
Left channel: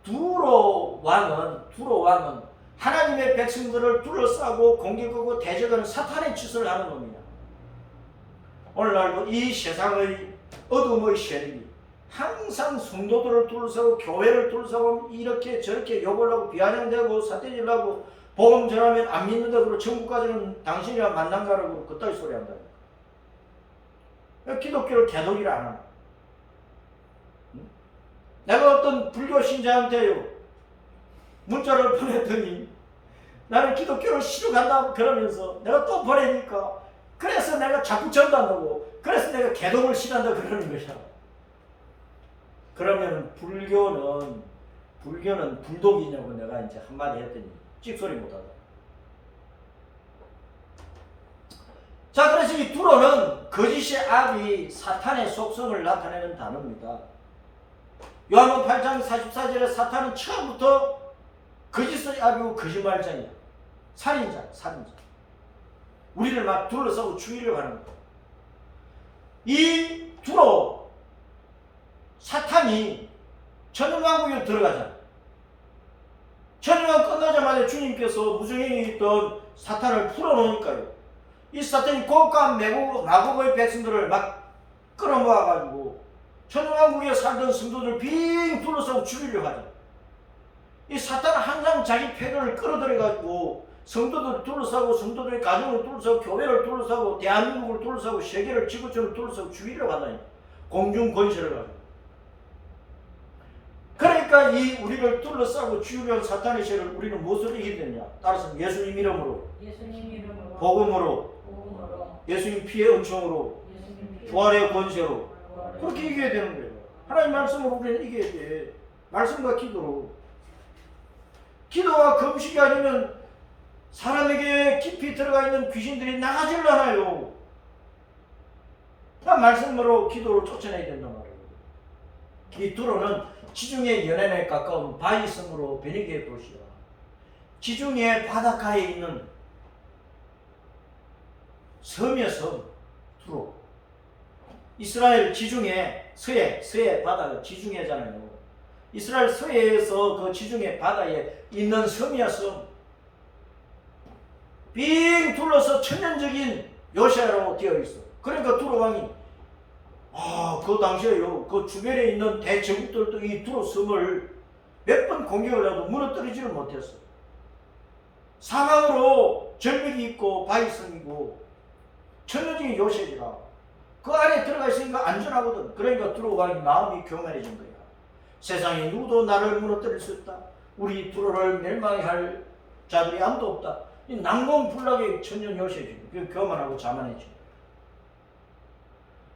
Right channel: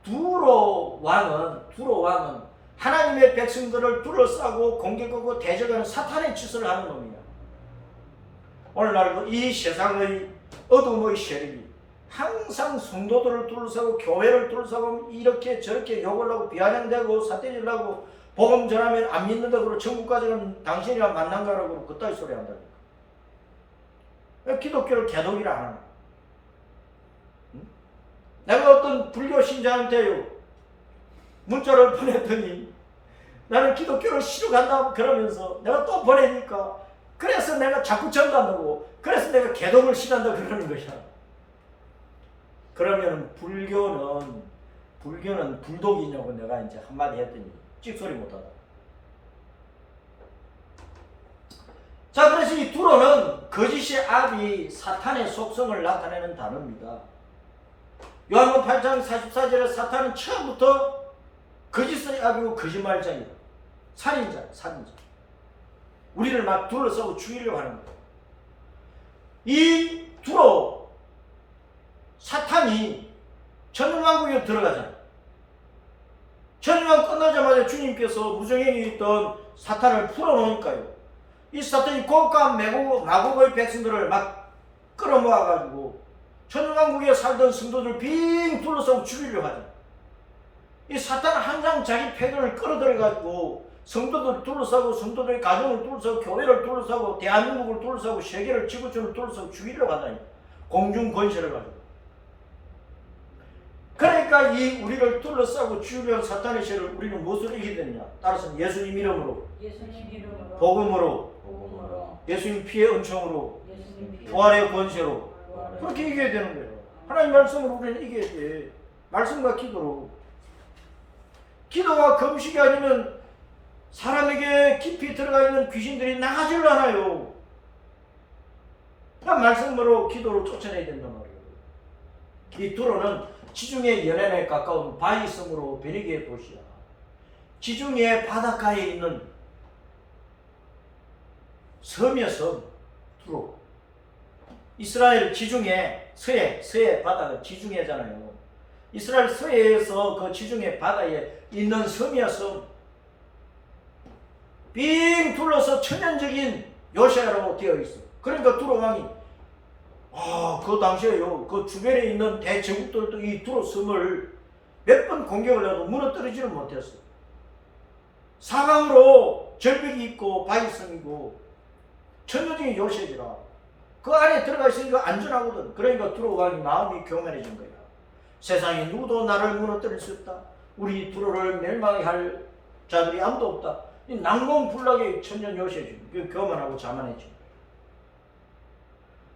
두로 왕은 하나님의 백성들을 둘러싸고 공격하고 대적하는 사탄의 짓을 하는 놈이야. 오늘날도 이 세상의 어둠의 세력이 항상 성도들을 둘러싸고 교회를 둘러싸고 이렇게 저렇게 욕을 하고 비아냥대고 사태질 하고 복음 전하면 안 믿는다 그러고 천국 가서는 당신이랑 만난 거라고 그따위 소리 한다니까. 기독교를 개독이라 안 하나. 내가 어떤 불교 신자한테요 문자를 보냈더니 나는 기독교를 싫어간다 그러면서 내가 또 보내니까 그래서 내가 자꾸 전도한다고 그래서 내가 개독을 싫어한다 그러는 거야. 그러면 불교는 불독이냐고 내가 이제 한마디 했더니 찍소리 못하더라. 자, 그래서 이 두로는 거짓의 압이 사탄의 속성을 나타내는 단어입니다. 요한복음 8장 44절에 사탄은 처음부터 거짓의 압이고 거짓말장이다. 살인자. 우리를 막 둘러싸고 죽이려고 하는 거야. 이 두로 사탄이 천년왕국에 들어가잖아. 천년왕국 끝나자마자 주님께서 무정행에 있던 사탄을 풀어놓으니까요. 이 사탄이 곶감 마곡의 백성들을 막 끌어모아가지고 천년왕국에 살던 성도들 빙 둘러싸고 죽이려고 하잖아. 이 사탄은 항상 자기 패권을 끌어들여가지고 성도들 둘러싸고 성도들의 가정을 둘러싸고 교회를 둘러싸고 대한민국을 둘러싸고 세계를 지구촌을 둘러싸고 죽이려고 한다니까. 공중 권세를 가지고. 그러니까 이 우리를 둘러싸고 죽이려는 사탄의 세를 우리는 무엇으로 이기게 되느냐? 따라서 예수님 이름으로, 복음으로, 예수님 피의 은총으로, 부활의 권세로 그렇게 이겨야 되는 거예요. 하나님 말씀으로 우리는 이겨야 돼. 말씀과 기도로. 기도와 금식이 아니면 사람에게 깊이 들어가 있는 귀신들이 나가질 않아요. 말씀으로 기도를 쫓아내야 된단 말이에요. 이 두로는 지중해 연안에 가까운 바위섬으로 베니게의 도시야. 지중해 바닷가에 있는 섬이야, 섬. 두로. 이스라엘 지중해 서해 바다가 지중해잖아요. 이스라엘 서해에서 그 지중해 바다에 있는 섬이야, 섬. 빙 둘러서 천연적인 요새로 되어 있어. 그러니까 두로 왕이 그 당시에요. 그 주변에 있는 대제국들도 이 두로 섬을 몇 번 공격을 해도 무너뜨리지를 못했어. 사방으로 절벽이 있고 바위섬이고 천연적인 요새지라. 그 안에 들어가 있으니까 안전하거든. 그러니까 두로 왕이 마음이 교만해진 거야. 세상에 누구도 나를 무너뜨릴 수 없다. 우리 두로를 멸망하게 할 자들이 아무도 없다. 이 난공불락의 천년 요새지. 그 교만하고 자만해지.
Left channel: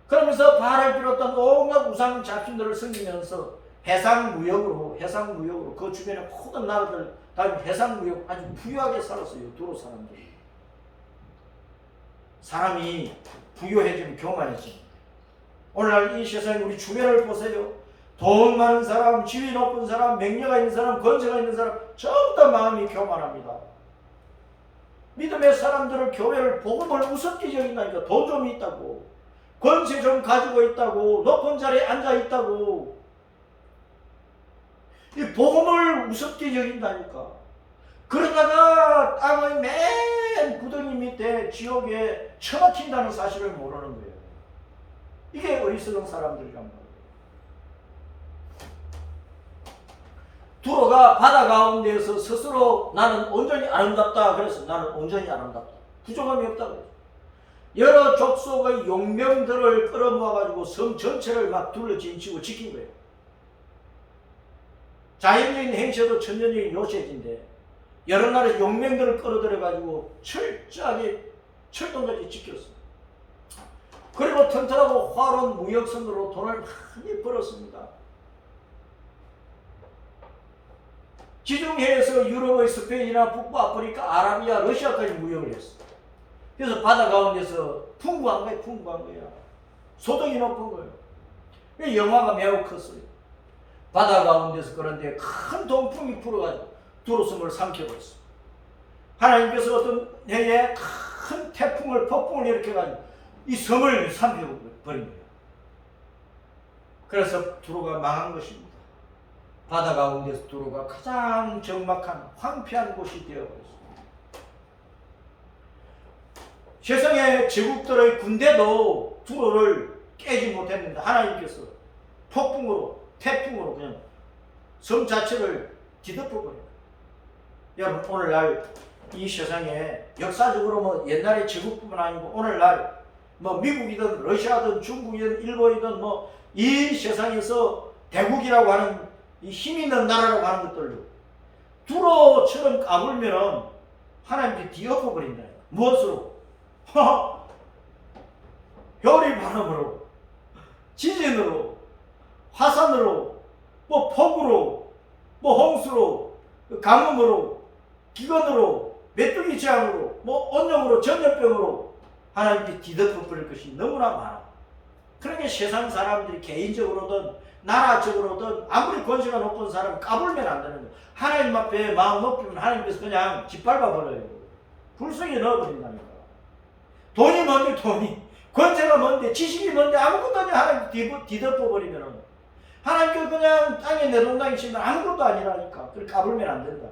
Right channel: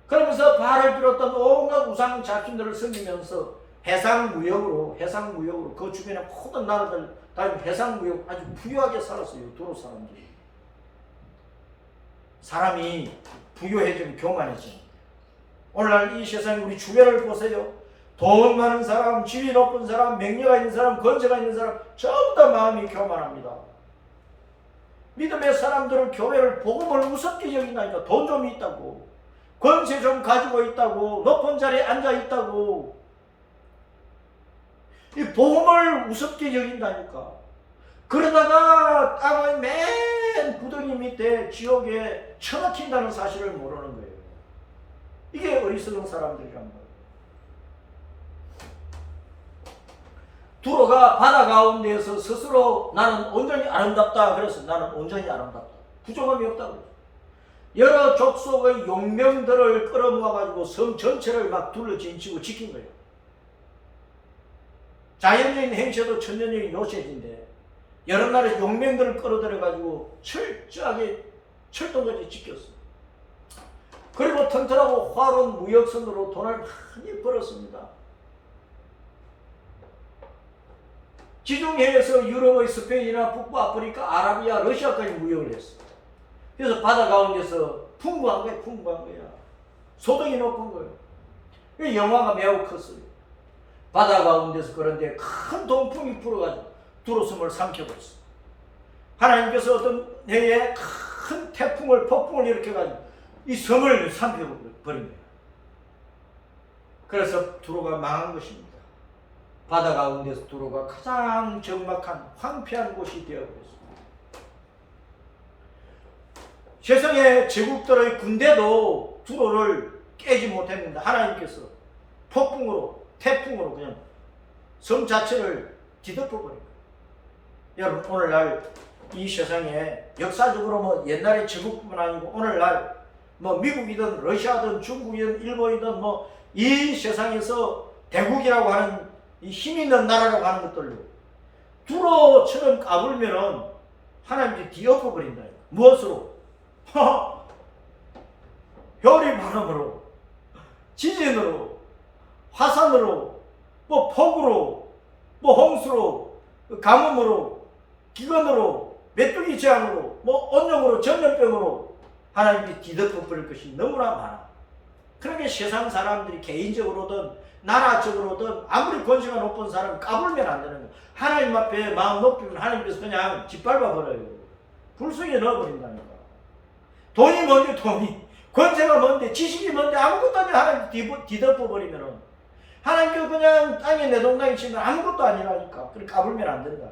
그러면서 바알을 비롯한 온갖 우상 잡신들을 섬기면서 해상무역으로 그 주변에 모든 나라들 다 해상무역 아주 부유하게 살았어요. 두로 사람들이. 사람이 부유해지면 교만해져. 오늘날 이 세상에 우리 주변을 보세요. 돈 많은 사람, 지위 높은 사람, 명예가 있는 사람, 권세가 있는 사람 전부 다 마음이 교만합니다. 믿음의 사람들을 교회를 복음을 우습게 여긴다니까. 돈 좀 있다고, 권세 좀 가지고 있다고, 높은 자리에 앉아 있다고 이 복음을 우습게 여긴다니까. 그러다가 땅의 맨 구덩이 밑에 지옥에 처박힌다는 사실을 모르는 거예요. 이게 어리석은 사람들이란 말이에요. 두로가 바다 가운데에서 스스로 나는 온전히 아름답다. 그래서 나는 온전히 아름답다. 부족함이 없다. 그래서 여러 족속의 용병들을 끌어모아가지고 섬 전체를 막 둘러진치고 지킨 거예요. 자연적인 행세도 천년적인 요새인데 여러 나라의 용병들을 끌어들여가지고 철저하게 철도까지 지켰어. 그리고 튼튼하고 화로운 무역선으로 돈을 많이 벌었습니다. 지중해에서 유럽의 스페인이나 북부 아프리카, 아라비아, 러시아까지 무역을 했어. 그래서 바다 가운데서 풍부한 거야. 소득이 높은 거예요. 영화가 매우 컸어요. 바다 가운데서 그런데 큰 동풍이 불어가지고 두로섬을 삼켜버렸어. 하나님께서 어떤 해에 큰 태풍을, 폭풍을 일으켜가지고 이 섬을 삼켜버린 거예요. 그래서 두로가 망한 것입니다. 바다 가운데서 두로가 가장 적막한 황폐한 곳이 되어버렸습니다. 세상의 제국들의 군대도 두로를 깨지 못했는데 하나님께서 폭풍으로 태풍으로 그냥 섬 자체를 뒤덮어버려요. 여러분 오늘날 이 세상에 역사적으로 뭐 옛날의 제국뿐만 아니고 오늘날 뭐 미국이든 러시아든 중국이든 일본이든 뭐 이 세상에서 대국이라고 하는 이 힘 있는 나라라고 하는 것들로 두로처럼 까불면은 하나님께 뒤엎어버린다. 무엇으로? 별이 바람으로, 지진으로, 화산으로, 뭐 폭우로, 뭐 홍수로, 가뭄으로, 기근으로, 메뚜기 재앙으로, 뭐 온용으로, 전염병으로 하나님께 뒤덮어버릴 것이 너무나 많아. 그러니까 세상 사람들이 개인적으로든 나라적으로든 아무리 권세가 높은 사람이 까불면 안 되는 거예요. 하나님 앞에 마음 높이면 하나님께서 그냥 짓밟아 버려요. 불 속에 넣어버린다니까. 돈이 뭔데 돈이, 권세가 뭔데, 지식이 뭔데 아무것도 아니야. 하나님 뒤덮어버리면은 하나님께 그냥 땅에 내동댕이 치면 아무것도 아니라니까. 그렇게 까불면 안 된다.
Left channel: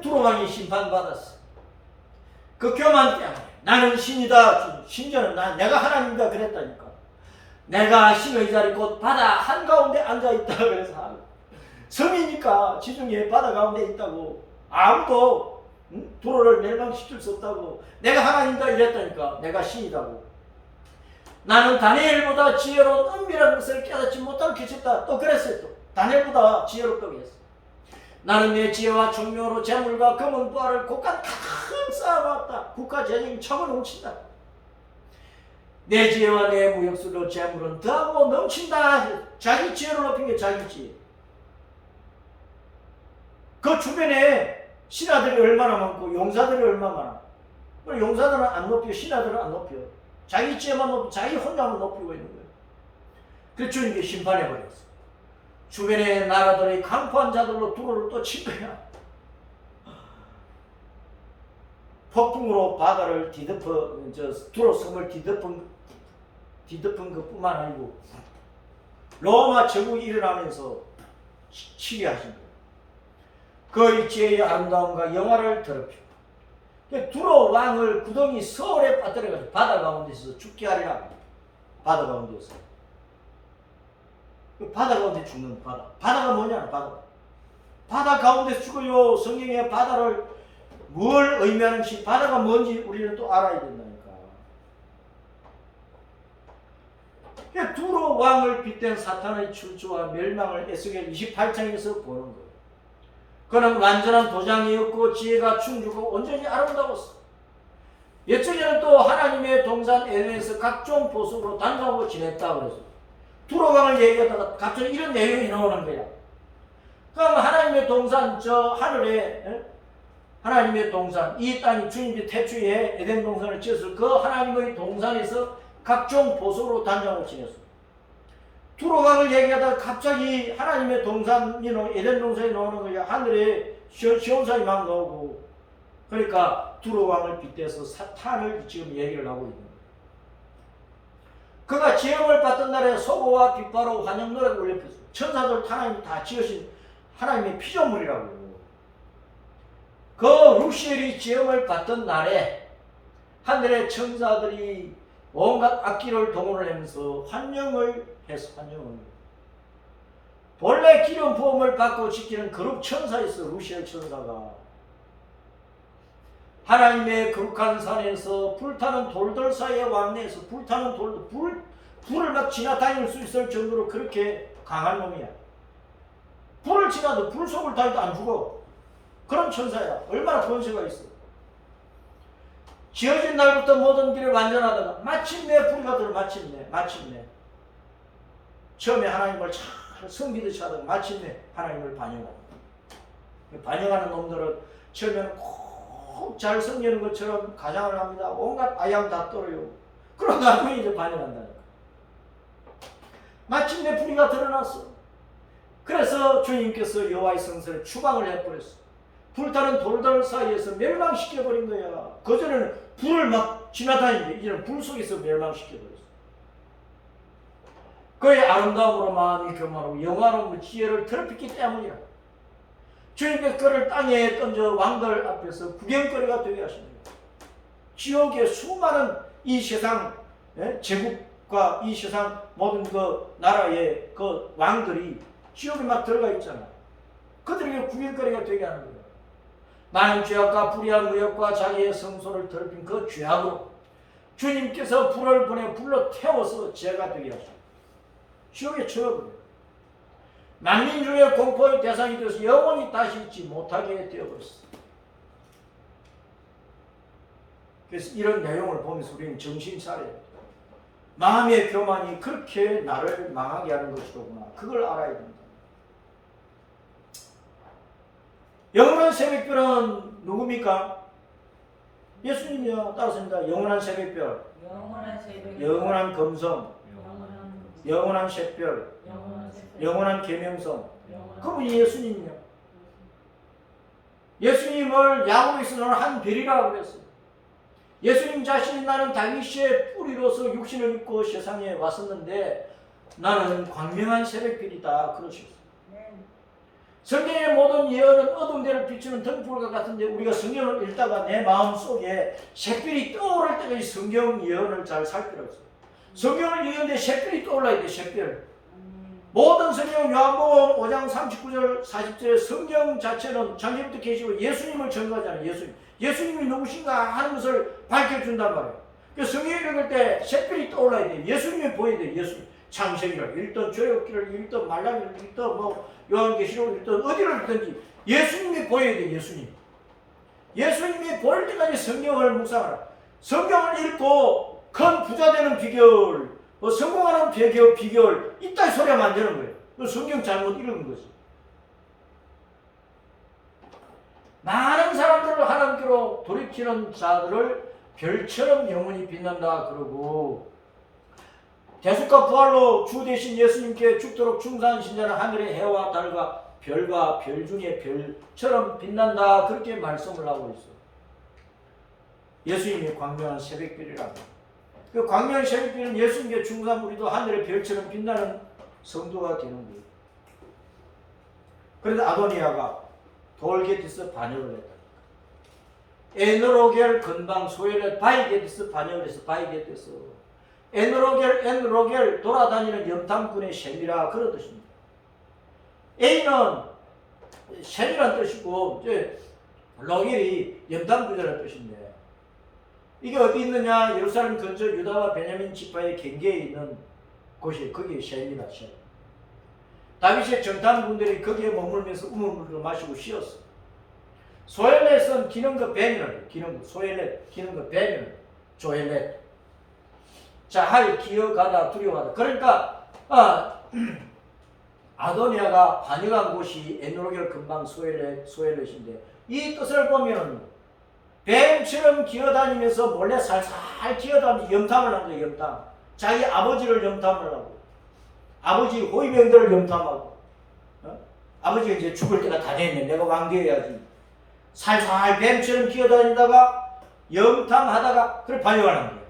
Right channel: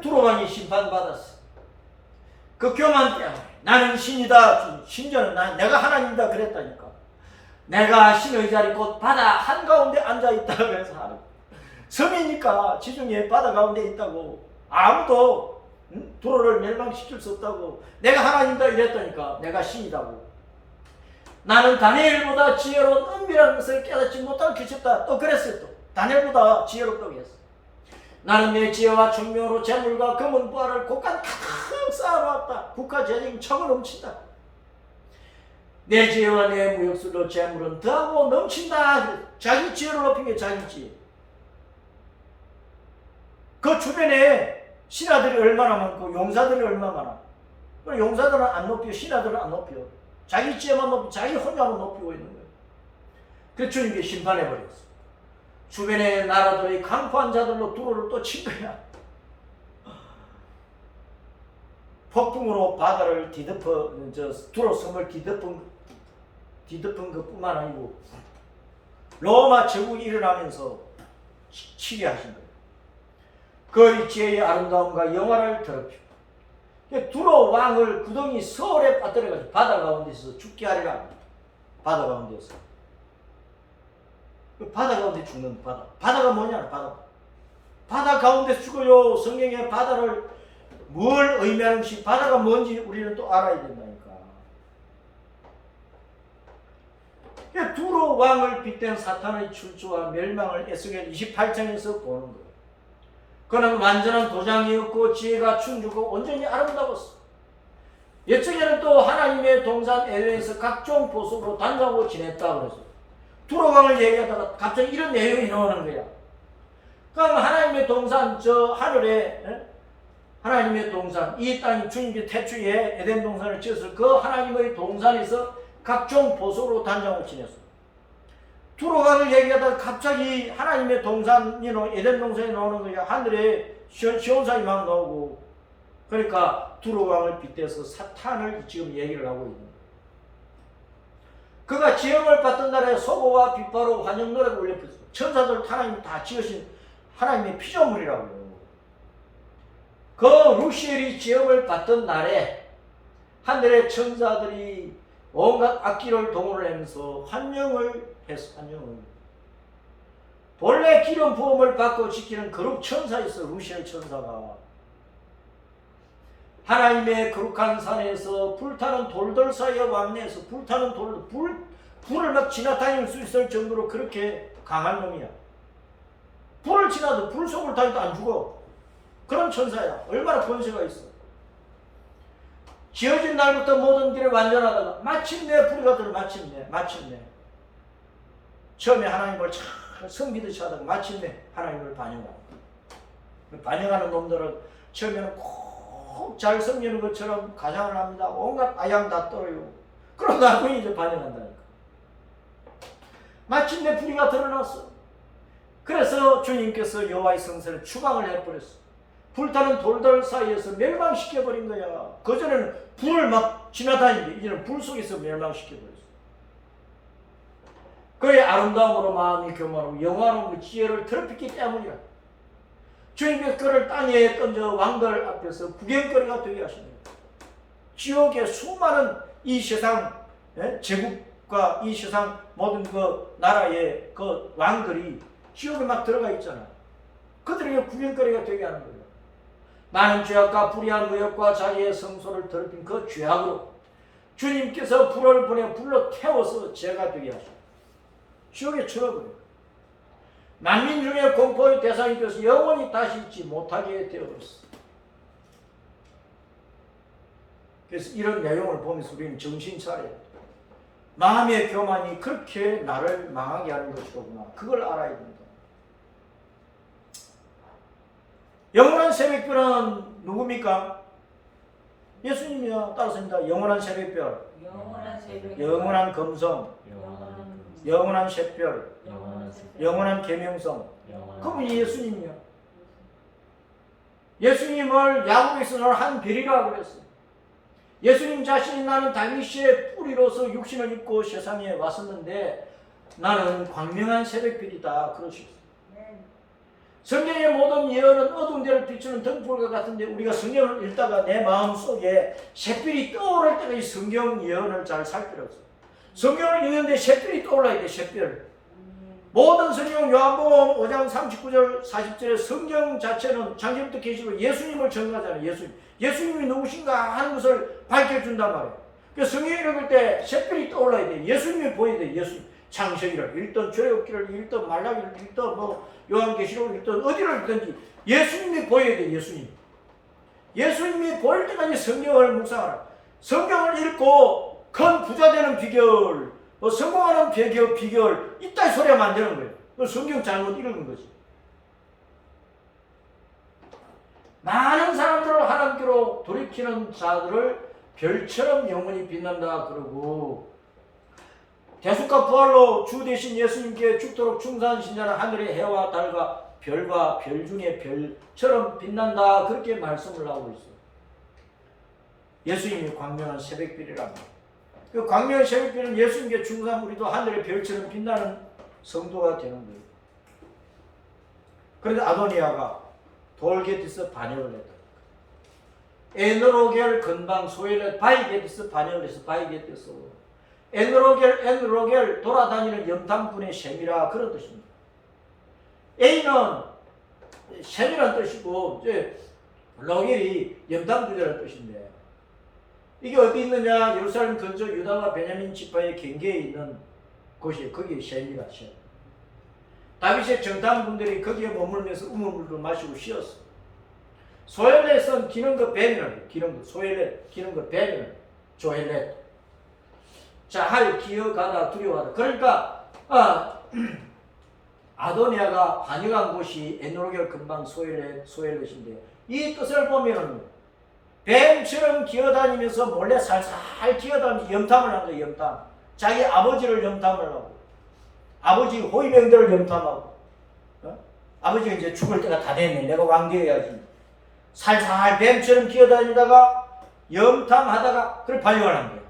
두로왕이 심판받았어. 그 교만 때문에 나는 신이다. 심지어는 내가 하나님이다 그랬다니까. 내가 신의 자리 곧 바다 한가운데 앉아있다 그래서 섬이니까 지중해 바다 가운데 있다고 아무도 두로를 멸망시킬 수 없다고 내가 하나님이다 이랬다니까. 내가 신이다고. 나는 다니엘보다 지혜로운 은밀한 것을 깨닫지 못한 귀cep다. 또 그랬어요. 또 다니엘보다 지혜롭다고 했어. 나는 내 지혜와 총명으로 재물과 금은 부하를 곳간 가득 쌓아놓았다. 국가 재정이 척을 넘친다. 내 지혜와 내 무역수로 재물은 더하고 넘친다. 자기 지혜를 높인 게 자기 지혜. 그 주변에 신하들이 얼마나 많고 용사들이 얼마나 많아. 용사들은 안 높여, 신하들은 안 높여. 자기 지혜만 높이고 자기 혼자만 높이고 있는 거예요. 그래서 주님께 심판해버렸어. 주변의 나라들의 강포한 자들로 두로를 또 친 거야. 폭풍으로 바다를 두로 섬을 뒤덮은 것뿐만 아니고 로마 제국이 일어나면서 치게 하신 거예요. 그 지혜의 아름다움과 영화를 더럽히고 두로 왕을 구덩이 서울에 빠뜨려가지고 바다 가운데서 죽게 하리라. 바다 가운데서. 바다 가운데 죽는 바다. 바다가 뭐냐? 바다 가운데 죽어요. 성경에 바다를 뭘 의미하는지 바다가 뭔지 우리는 또 알아야 된다니까. 두로 왕을 빗댄 사탄의 출주와 멸망을 에스겔 28장에서 보는 거예요. 그는 완전한 도장이었고 지혜가 충주고 온전히 아름다웠어. 옛적에는 또 하나님의 동산 에덴에서 각종 보석으로 단장하고 지냈다 그래서 두로 왕을 얘기하다가 갑자기 이런 내용이 나오는 거야. 그럼 하나님의 동산 저 하늘에 하나님의 동산 이 땅이 주님의 태초에 에덴 동산을 지었을 그 하나님의 동산에서 각종 보석으로 단장하고 지냈어. 두로 왕을 얘기하다가 갑자기 하나님의 동산이 에덴 동산이 나오는 거야. 하늘에 시온산이 막 나오고. 그러니까 두로 왕을 빗대서 사탄을 지금 얘기를 하고 있는 거야. 그가 지형을 받던 날에 소고와 빗바로 환영 노래가 울렸어. 천사들 하나님이 다 지으신 하나님의 피조물이라고요. 그 루시엘이 지형을 받던 날에 하늘의 천사들이 온갖 악기를 동원을 하면서 환영을 했어. 환영을. 본래 기름 부음을 받고 지키는 거룩 천사였어. 루시엘 천사가. 하나님의 거룩한 산에서 불타는 돌들 사이에 왕래해서 불타는 불을 막 지나다닐 수 있을 정도로 그렇게 강한 놈이야. 불을 지나도 불 속을 다니도 안 죽어. 그런 천사야. 얼마나 권세가 있어. 지어진 날부터 모든 길을 완전하다가 마침내 불이가 들어. 마침내 처음에 하나님을 잘 섬기듯이 하다가 마침내 하나님을 반영하는 거야. 반영하는 놈들은 처음에는 꼭 잘 섬기는 것처럼 가장을 합니다. 온갖 아양 다 떨어요. 그러다 나중에 이제 반영한다니까. 마침내 불의가 드러났어. 그래서 주님께서 여호와의 성전에 추방을 해버렸어. 불타는 돌들 사이에서 멸망시켜버린 거야. 그전에는 불을 막 지나다니는데 이제는 불 속에서 멸망시켜버렸어. 그의 아름다움으로 마음이 교만하고 영화로운 지혜를 더럽히기 때문이라. 주님께서 그를 땅에 던져 왕들 앞에서 구경거리가 되게 하신 거예요. 지옥의 수많은 이 세상 제국과 이 세상 모든 그 나라의 그 왕들이 지옥에 막 들어가 있잖아. 그들에게 구경거리가 되게 하는 거예요. 많은 죄악과 불의한 의욕과 자기의 성소를 더럽힌 그 죄악으로 주님께서 불을 보내 불러 태워서 죄가 되게 하시고 지옥에 쳐버려요. 만민 중에 공포의 대상이 되어서 영원히 다시 있지 못하게 되어버렸어요. 그래서 이런 내용을 보면서 우리는 정신 차려야 돼요. 마음의 교만이 그렇게 나를 망하게 하는 것이로구나. 그걸 알아야 됩니다. 영원한 새벽별은 누굽니까? 예수님이요. 따라서입니다. 영원한 새벽별, 영원한 금성, 영원한 샛별, 영원한 계명성. 그분이 예수님이요. 예수님을 야곱에서는 한 별이라고 그랬어요. 예수님 자신이 나는 다윗의 뿌리로서 육신을 입고 세상에 왔었는데 나는 광명한 새벽별이다 그러셨어요. 성경의 모든 예언은 어두운 데를 비추는 등불과 같은데 우리가 성경을 읽다가 내 마음속에 샛별이 떠오를 때까지 성경 예언을 잘 살피라고 했어요. 성경을 읽는데 샛별이 떠올라야 돼. 샛별. 모든 성경 요한복음 5장 39절 40절에 성경 자체는 창세부터 계시고 예수님을 전가하잖아요. 예수님이 누구신가 하는 것을 밝혀준단 말이에요. 그래서 성경 읽을 때 샛별이 떠올라야 돼. 예수님이 보여야 돼. 예수님. 창세기를 읽던 출애굽기를 읽던 말라기를 읽던 요한계시록을 읽던 어디를 읽든지 예수님이 보여야 돼. 예수님이 보일 때까지 성경을 묵상하라. 성경을 읽고 큰 부자 되는 비결, 성공하는 비결 이따위 소리가 만드는 거예요. 성경 잘못 읽은 거지. 많은 사람들을 하나님께로 돌이키는 자들을 별처럼 영원히 빛난다 그러고 대속과 부활로 주 대신 예수님께 죽도록 충성하신 자는 하늘의 해와 달과 별과 별 중에 별처럼 빛난다 그렇게 말씀을 하고 있어요. 예수님이 광명한 새벽별이라고. 그 광명한 새벽별은 예수님께 충성한 우리도 하늘의 별처럼 빛나는 성도가 되는 거예요. 그런데 아도니아가 돌게티스 반역을 했다. 에너로겔 근방 소엘의 바이게티스 반역을 해서 바이게티스 에너로겔 돌아다니는 염탐꾼의 셈이라 그런 뜻입니다. A는 셈이라는 뜻이고 이제 로겔이 염탐꾼이라는 뜻인데 이게 어디 있느냐? 예루살렘 근처 유다와 베냐민 지파의 경계에 있는 곳이 거기에 셈이라 셈. 다윗의 정탐꾼들이 거기에 머물면서 우물물도 마시고 쉬었어. 소엘렛은 기능거 벤을 소엘렛 기능거 벤을 조엘렛. 자, 할 기어가다 두려워하다. 그러니까 아도니아가 반역한 곳이 에노로겔 근방 소엘렛인데 이 뜻을 보면은 뱀처럼 기어다니면서 몰래 살살 기어다니면서 염탐을 한 거예요. 염탐. 자기 아버지를 염탐을 하고 아버지 호위병들을 염탐하고 아버지가 이제 죽을 때가 다 됐네. 내가 왕 되어야지. 살살 뱀처럼 기어다니다가 염탐하다가 그걸 반역을 한 거예요.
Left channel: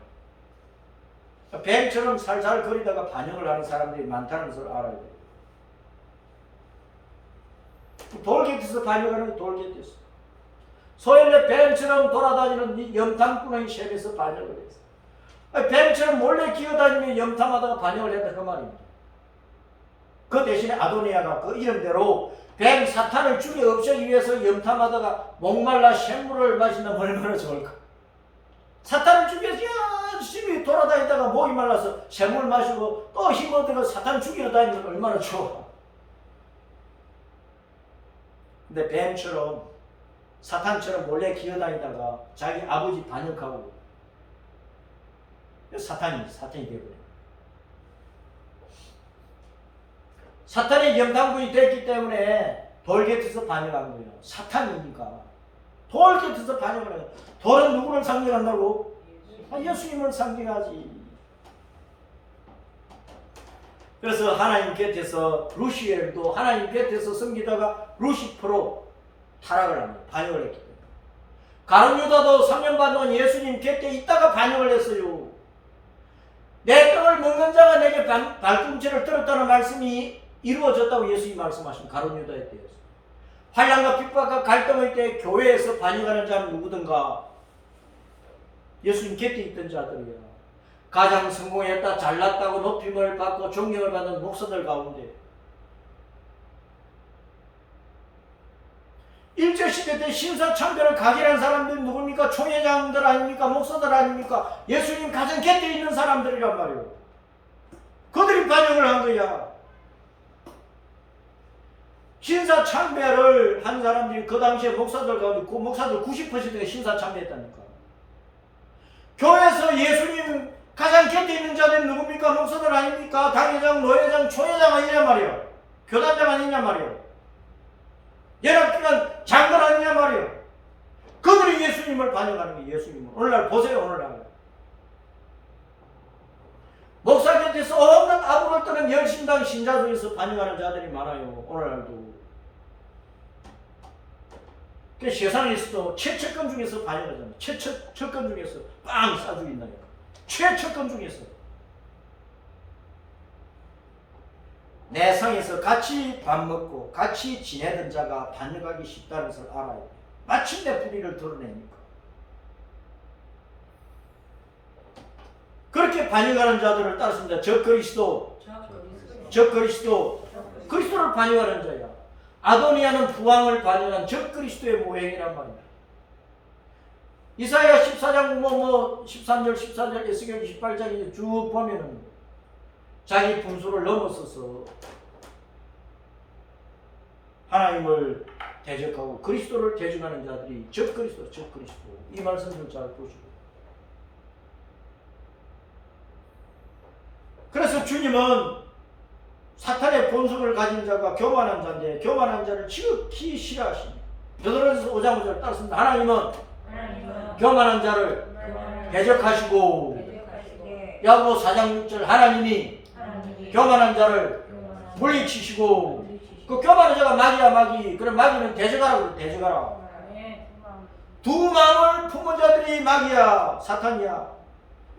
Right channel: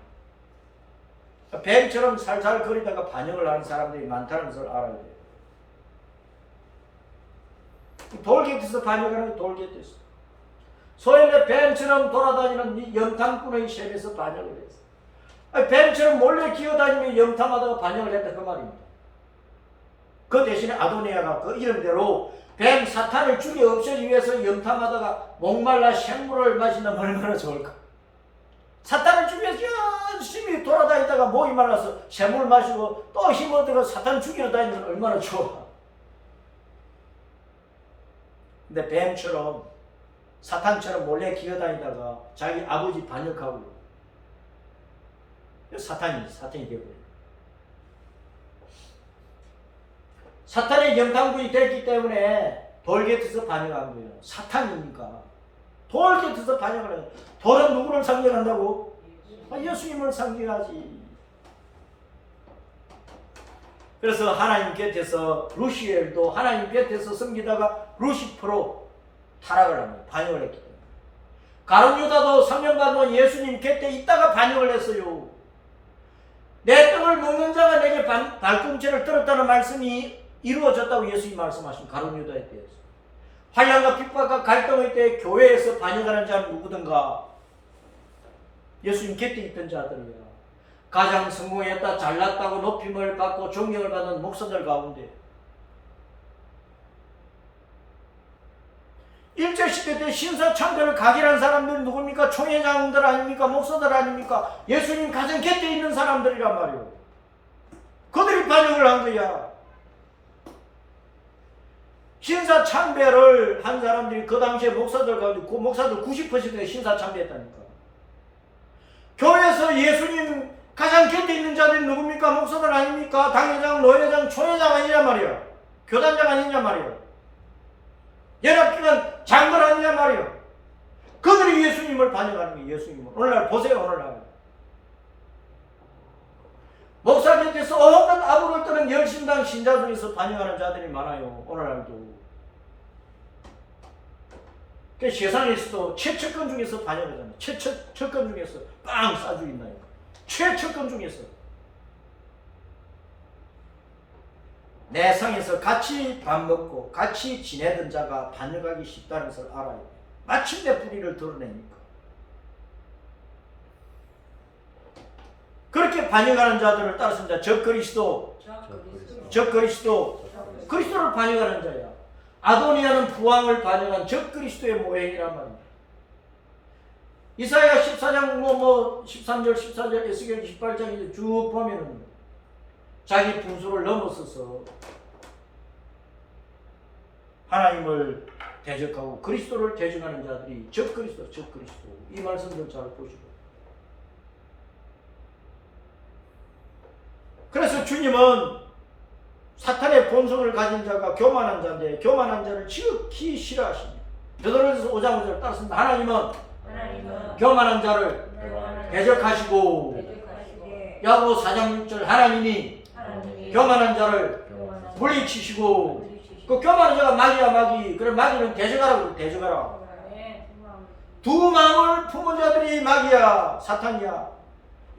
뱀처럼 살살 거리다가 반역을 하는 사람들이 많다는 것을 알아야 돼요. 돌게티스 반역하는 게 돌게티스. 소연의 뱀처럼 돌아다니는 염탐꾼의 셈에서 반역을 했어. 뱀처럼 몰래 기어다니며 염탐하다가 반역을 했다 그 말입니다. 그 대신에 아도니아가 그 이름대로 뱀 사탄을 죽여 없애기 위해서 염탐하다가 목말라 샘물을 마신다면 얼마나 좋을까. 사탄을 죽여서 열심히 돌아다니다가 목이 말라서 샘물 마시고 또 힘어들어 사탄 죽이러 다니면 얼마나 좋아. 근데 뱀처럼 사탄처럼 몰래 기어다니다가 자기 아버지 반역하고 사탄이 되버려요. 사탄의 염탐꾼이 됐기 때문에 돌게티스 반역한 거예요. 사탄이니까 돌게티스 반역을 해요. 돌은 누구를 상징한다고? 예수님을 상징하지. 그래서 하나님 곁에서 루시엘도 하나님 곁에서 섬기다가 루시퍼로 타락을 합니다. 반역을 했기 때문에. 가룟 유다도 3년 반 동안 예수님 곁에 있다가 반역을 했어요. 내 떡을 먹는 자가 내게 발꿈치를 들었다는 말씀이 이루어졌다고 예수님이 말씀하신 가룟 유다에 대해서. 환난과 핍박과 갈등의 때 교회에서 반역하는 자는 누구든가? 예수님 곁에 있던 자들이야. 가장 성공했다, 잘났다고 높임을 받고 존경을 받는 목사들 가운데 일제시대 때 신사참배를 각일한 사람들 누굽니까? 총회장들 아닙니까? 목사들 아닙니까? 예수님 가장 곁에 있는 사람들이란 말이에요. 그들이 반영을 한 거야. 신사참배를 한 사람들이 그 당시에 목사들 가운데 그 목사들 90%가 신사참배했다니까. 교회에서 예수님 가장 곁에 있는 자들이 누굽니까? 목사들 아닙니까? 당회장, 노회장, 총회장 아니냐 말이에요. 교단장 아니냐 말이에요. 연합기관 장관 아니냐 말이에요. 그들이 예수님을 반영하는 거예요. 예수님을. 오늘날 보세요. 오늘날 목사 곁에서 온갖 아부를 떠는 열심당 신자 중에서 반영하는 자들이 많아요. 오늘날도. 그 세상에서도 최측근 중에서 반영하잖아요. 최측근 중에서 빵 쏴죽인다니까. 최측근 중에서. 내 상에서 같이 밥 먹고 같이 지내던 자가 반역하기 쉽다는 것을 알아요. 마침내 불의를 드러내니까. 그렇게 반역하는 자들을 따랐습니다. 적그리스도, 그리스도를 반역하는 자야. 아도니아는 부왕을 반역한 적그리스도의 모형이란 말입니다. 이사야 14장 13절 14절 에스겔 28장에 쭉 보면은 자기 분수를 넘어서서 하나님을 대적하고 그리스도를 대적하는 자들이 적그리스도 이 말씀들 잘 보시고. 그래서 주님은 사탄의 본성을 가진 자가 교만한 자인데 교만한 자를 지극히 싫어하십니다. 베드로전서 5장 5절 따르습니다. 하나님은 교만한 자를 대적하시고 야고보 4장 6절 하나님이 교만한 자를 물리치시고 그 교만한 자가 마귀야 마귀. 그럼 마귀는 대적하라고 대적하라. 두 마음을 품은 자들이 마귀야 사탄이야.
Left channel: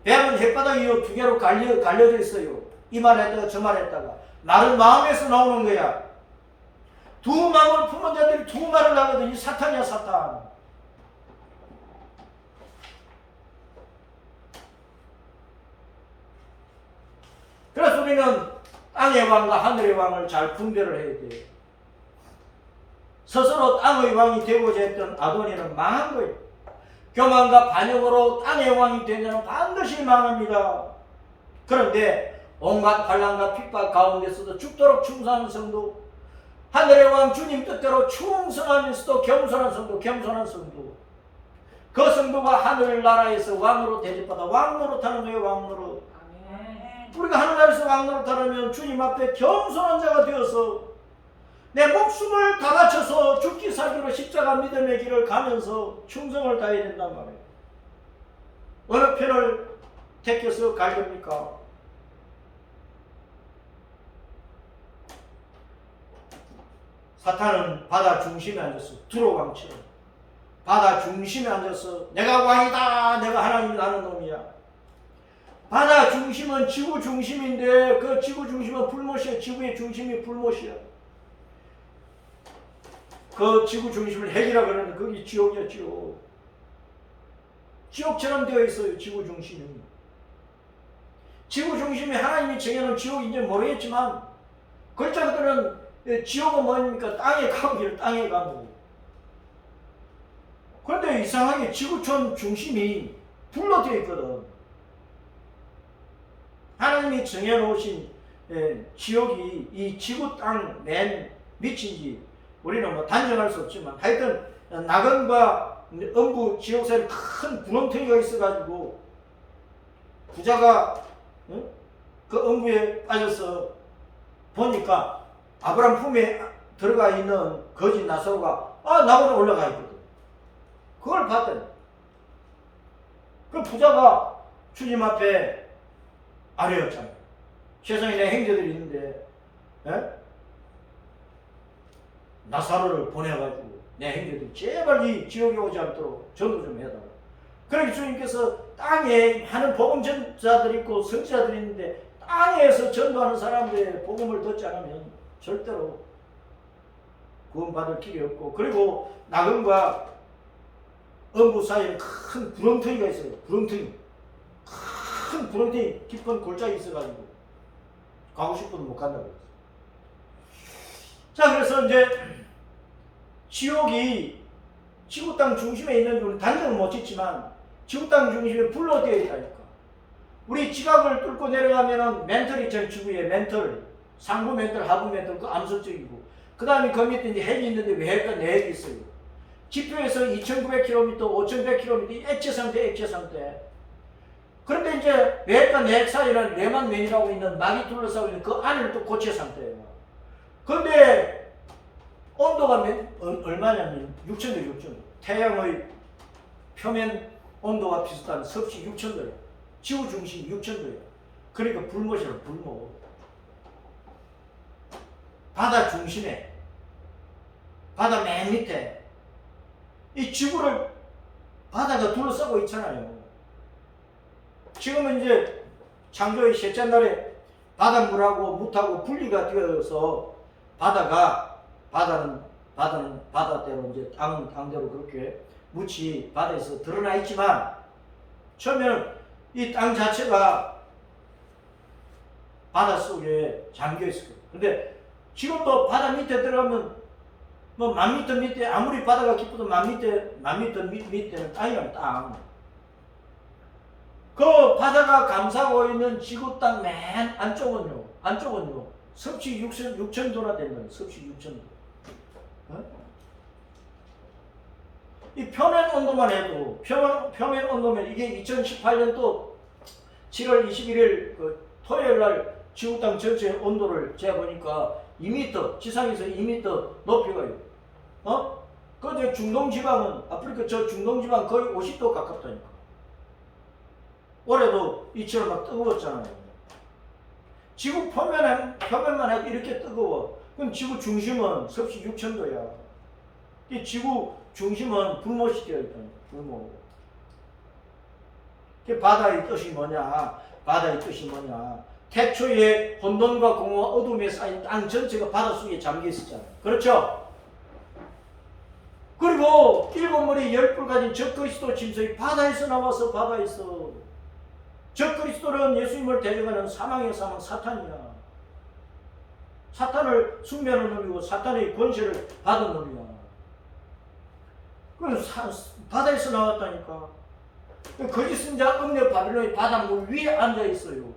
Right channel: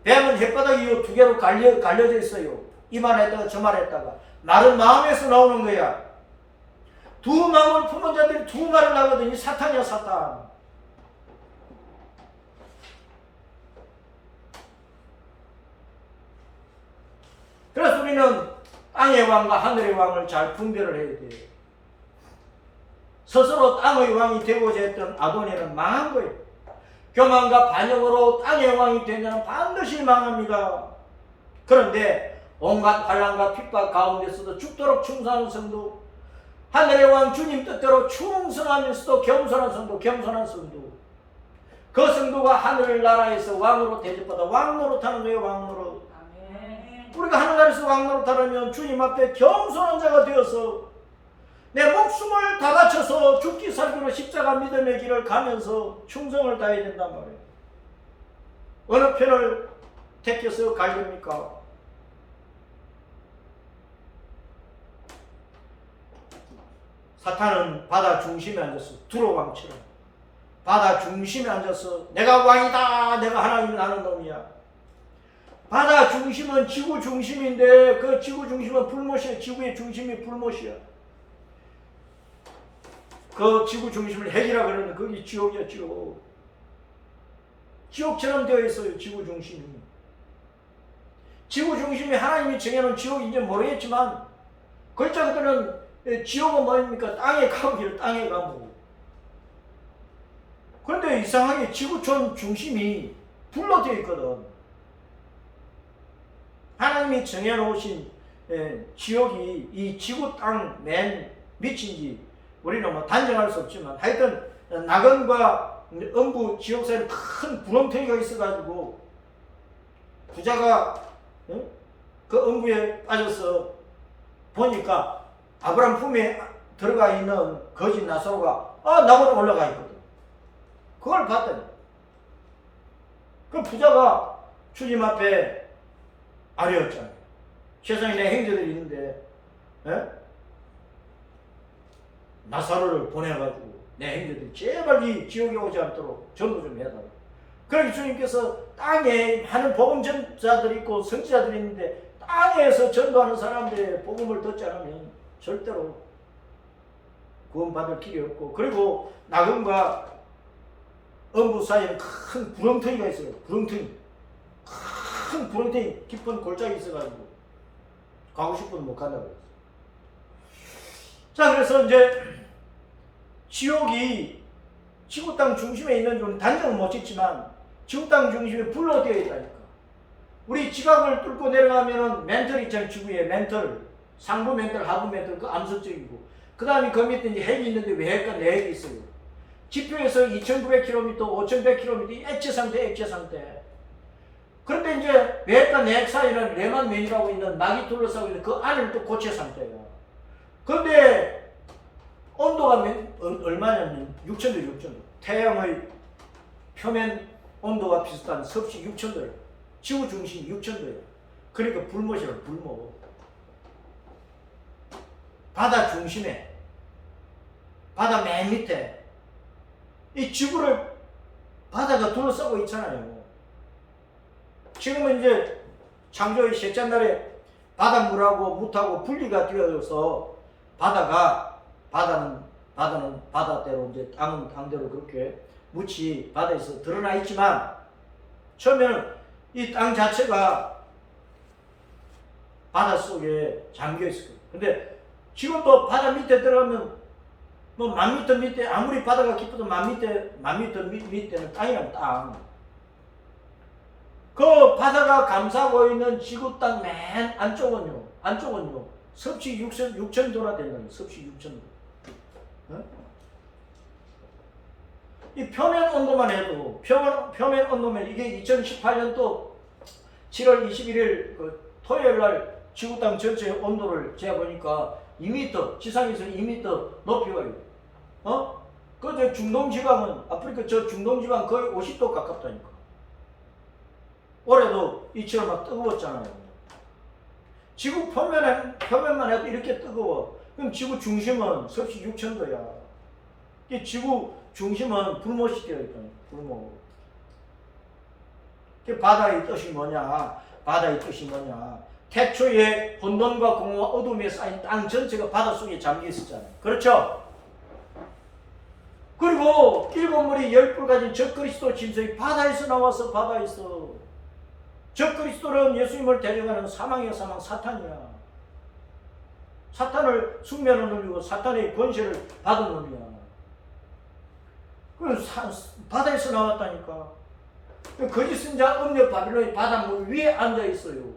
뱀은 혓바닥 이어 두 개로 갈려져 있어요. 이 말 했다가 저 말 했다가 말은 마음에서 나오는 거야. 두 마음을 품은 자들이 두 말을 하거든요. 사탄이야 사탄. 그래서 우리는 땅의 왕과 하늘의 왕을 잘 분별을 해야 돼. 스스로 땅의 왕이 되고자 했던 아도니아는 망한 거예요. 교만과 반역으로 땅의 왕이 된 자는 반드시 망합니다. 그런데 온갖 환난과 핍박 가운데서도 죽도록 충성하는 성도, 하늘의 왕 주님 뜻대로 충성하면서도 겸손한 성도, 그 성도가 하늘나라에서 왕으로 대접받아 왕노릇하는 거예요. 왕노릇. 우리가 하늘나라에서 왕노릇하려면 주님 앞에 겸손한 자가 되어서 내 목숨을 다 바쳐서 죽기 살기로 십자가 믿음의 길을 가면서 충성을 다해야 된단 말이에요. 어느 편을 택해서 갈 겁니까? 사탄은 바다 중심에 앉았어. 두로왕처럼 바다 중심에 앉아서 내가 왕이다, 내가 하나님이 나는 놈이야. 바다 중심은 지구 중심인데 그 지구 중심은 불못이야. 지구의 중심이 불못이야. 그 지구 중심을 핵이라 그러는데 그게 지옥이야. 지옥처럼 되어 있어요. 지구 중심이. 지구 중심이 하나님이 정해놓은 지옥인지 모르겠지만 글자 그대로는 지옥은 뭐입니까? 땅의 감옥이에요. 땅의 감옥. 그런데 이상하게 지구촌 중심이 불로 되어 있거든. 하나님이 정해놓으신 지옥이 이 지구 땅 맨 밑인지 우리는 뭐 단정할 수 없지만 하여튼 낙원과 음부 지옥 사이에 큰 구렁텅이가 있어가지고 부자가 그 음부에 빠져서 보니까 아브라함 품에 들어가 있는 거지 나사로가 낙원에 올라가 있거든. 그걸 봤더니 그 부자가 주님 앞에 아뢰었잖아요. 세상에 내 형제들이 있는데 나사로를 보내가지고 내 형제들이 제발 이 지옥에 오지 않도록 전도 좀 해달라. 그러니까 주님께서 땅에 많은 복음 전자들이 있고 선지자들이 있는데 땅에서 전도하는 사람들의 복음을 듣지 않으면 절대로 구원받을 길이 없고, 그리고 낙원과 엄부 사이에 큰 구렁텅이가 있어요. 구렁텅이. 큰 구렁텅이 깊은 골짜기 있어가지고 가고 싶어도 못 간다고 그랬어요. 자, 그래서 이제 지옥이 지구 땅 중심에 있는 줄 단정은 못 짓지만 지구 땅 중심에 불로 되어 있다니까. 우리 지각을 뚫고 내려가면은 멘털 있잖아요. 지구에 멘털, 상부 멘털, 하부 멘털, 그 암석적이고, 그 다음에 그 밑에 이제 핵이 있는데 외핵과 내핵이 있어요. 지표에서 2,900km, 5,100km 액체 상태, 액체 상태. 그런데 이제 외핵과 내핵 사이에는 레만맨이라고 있는 막이 둘러싸고 있는 그 안은 또 고체 상태예요. 그런데 온도가 얼마냐면 6,000도, 6,000도. 태양의 표면 온도와 비슷한 섭씨 6,000도예요. 지구 중심 6,000도예요. 그러니까 불못이라고, 불못. 바다 중심에, 바다 맨 밑에 이 지구를 바다가 둘러싸고 있잖아요. 지금은 이제 창조의 셋째 날에 바닷물하고 무하고 분리가 되어서 바다는 바다대로 이제 땅은 땅대로 그렇게 묻이 바다에서 드러나 있지만 처음에는 이 땅 자체가 바다 속에 잠겨 있을 거예요. 근데 지금도 바다 밑에 들어가면 뭐 10,000m 밑에 아무리 바다가 깊어도 10,000m 밑에는 땅이란 땅. 그 바다가 감싸고 있는 지구 땅 맨 안쪽은요 섭씨 6,000도나 되는 거예요. 섭씨 6,000도. 어? 이 표면 온도만 해도 표면 온도면 이게 2018년도 7월 21일 그 토요일 날 지구 땅 전체 온도를 재보니까 2m, 지상에서 2m 높이가 있어요. 그 중동 지방은 아프리카 저 중동 지방 거의 50도 가깝다니까. 올해도 이처럼 막 뜨거웠잖아요. 지구 표면만 해도 이렇게 뜨거워. 그럼 지구 중심은 섭씨 6,000도야. 이 지구 중심은 불못이 되어 있잖아요. 불못. 바다의 뜻이 뭐냐? 바다의 뜻이 뭐냐? 태초에 혼돈과 공허와 어둠에 쌓인 땅 전체가 바닷속에 잠겨 있었잖아요. 그렇죠? 그리고 일곱 머리 열불 가진 적그리스도 짐승이 바다에서 나와서 바다에서 적그리스도는 예수님을 대적하는 사망의 사망 사탄이야. 사탄을 숙면하는 놈이고 사탄의 권세를 받은 놈이야. 바다에서 나왔다니까. 거짓 선자 음녀 바빌론이 바닷물 위에 앉아 있어요.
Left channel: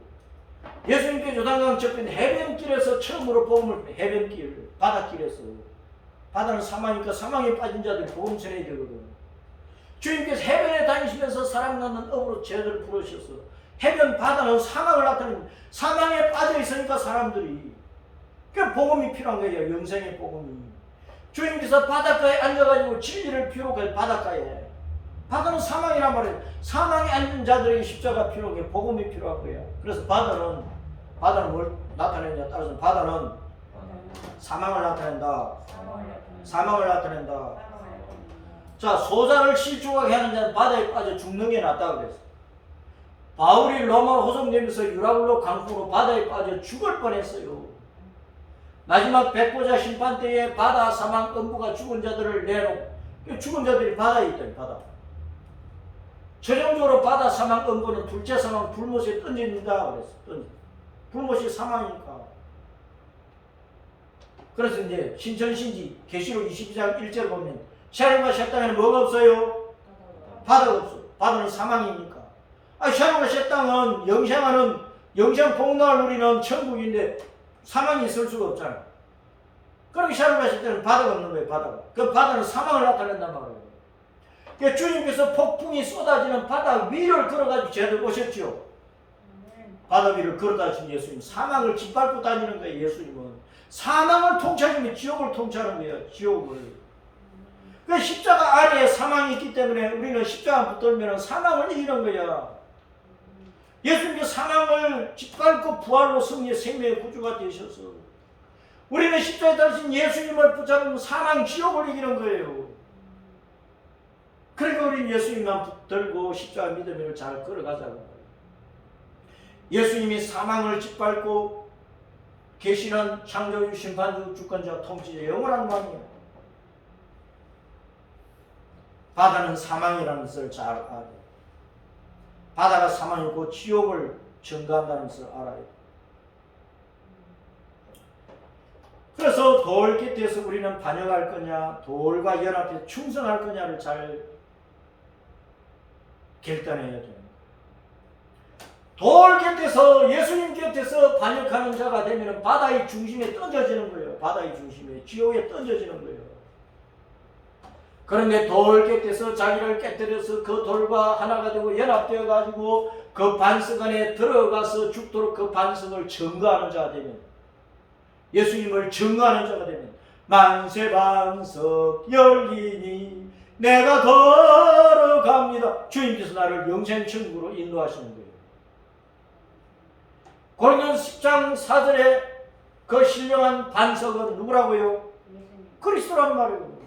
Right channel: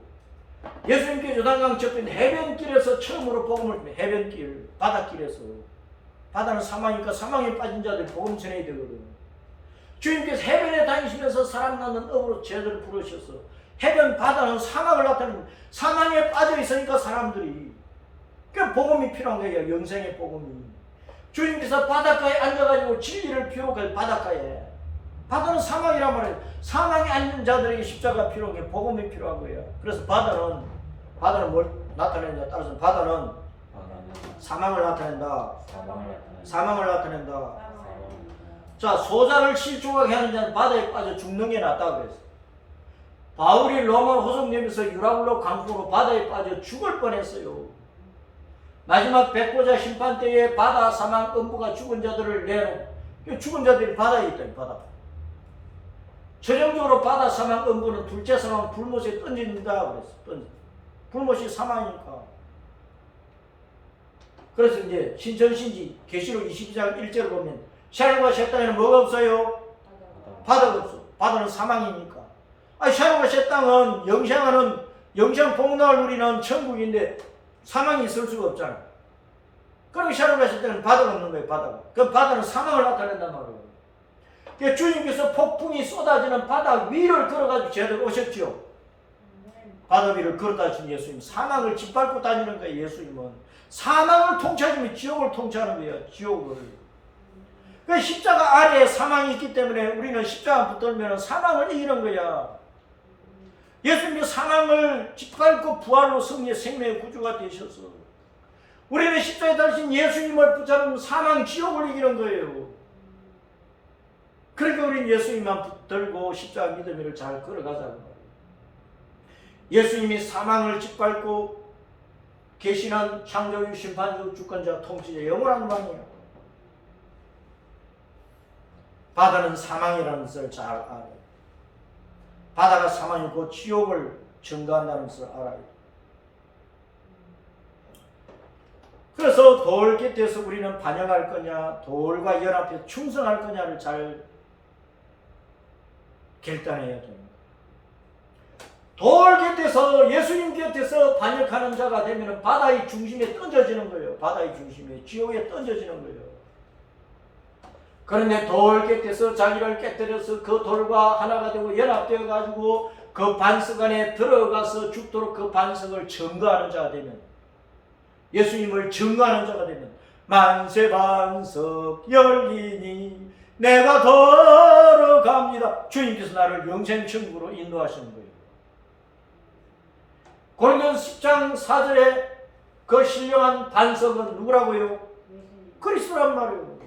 예수님께 요단강 접힌 해변길에서 처음으로 복음을 해변길, 바닷길에서. 바다는 사망이니까 사망에 빠진 자들이 복음 전해야 되거든. 주님께서 해변에 다니시면서 사람 낳는 업으로 제자를 부르셔서 해변 바다는 사망을 나타냅니다. 사망에 빠져 있으니까 사람들이 그 복음이 필요한 거예요. 영생의 복음이. 주님께서 바닷가에 앉아가지고 진리를 비우고 바닷가에. 바다는 사망이란 말이에요. 사망에 앉은 자들에게 십자가 필요한 게 복음이 필요한 거예요. 그래서 바다는 뭘 나타내느냐 따라서 바다는 사망을 나타낸다. 사망을 나타낸다. 자, 소자를 실족하게 하는 자는 바다에 빠져 죽는 게 낫다 그랬어. 바울이 로마 호송되면서 유라굴로 강풍으로 바다에 빠져 죽을 뻔했어요. 마지막 백보자 심판 때에 바다 사망 음부가 죽은 자들을 내놓고 죽은 자들이 바다에 있다. 바다. 최종적으로 바다 사망 음부는 둘째 사망 불못에 던집니다 그랬어. 불못이 사망이니까. 그래서 이제 신천신지 계시록 22장 1절 보면 샤론과 셋땅에는 뭐가 없어요? 바다가 없어. 바다는 사망이니까. 샤론과 셋땅은 영생 복락을 누리는 천국인데 사망이 있을 수가 없잖아. 그럼 샤론과 셋땅은 바다가 없는 거예요. 바다가. 그 바다는 사망을 나타낸단 말이에요. 그러니까 주님께서 폭풍이 쏟아지는 바다 위를 걸어가지고 제대로 오셨죠. 바다 위를 걸어다니신 예수님. 사망을 짓밟고 다니는 거예요. 예수님은. 사망을 통치하면 지옥을 통치하는 거예요. 지옥을. 그 십자가 아래에 사망이 있기 때문에 우리는 십자가 붙들면 사망을 이기는 거야. 예수님께서 사망을 짓밟고 부활로 승리의 생명의 구주가 되셔서 우리는 십자가에 달리신 예수님을 붙잡으면 사망 지옥을 이기는 거예요. 그러니까 우리는 예수님만 붙들고 십자가 믿음을 잘 걸어가자고. 예수님이 사망을 짓밟고 계시는 창조주, 심판주, 주권자, 통치자, 영원한 왕이에요. 바다는 사망이라는 것을 잘 알아요. 바다가 사망이고 지옥을 증가한다는 것을 알아요. 그래서 돌 곁에서 우리는 반역할 거냐, 돌과 연합해 충성할 거냐를 잘 결단해야 되는 거예요. 돌 곁에서, 예수님 곁에서 반역하는 자가 되면 바다의 중심에 던져지는 거예요. 바다의 중심에, 지옥에 던져지는 거예요. 그런데 돌 곁에서 자기를 깨뜨려서 그 돌과 하나가 되고 연합되어 가지고 그 반석 안에 들어가서 죽도록 그 반석을 증거하는 자가 되면, 예수님을 증거하는 자가 되면 만세 반석 열리니 내가 걸어갑니다. 주님께서 나를 영생천국으로 인도하시는 거예요. 고린도서 10장 4절에 그 신령한 반석은 누구라고요? 그리스도란 말이에요.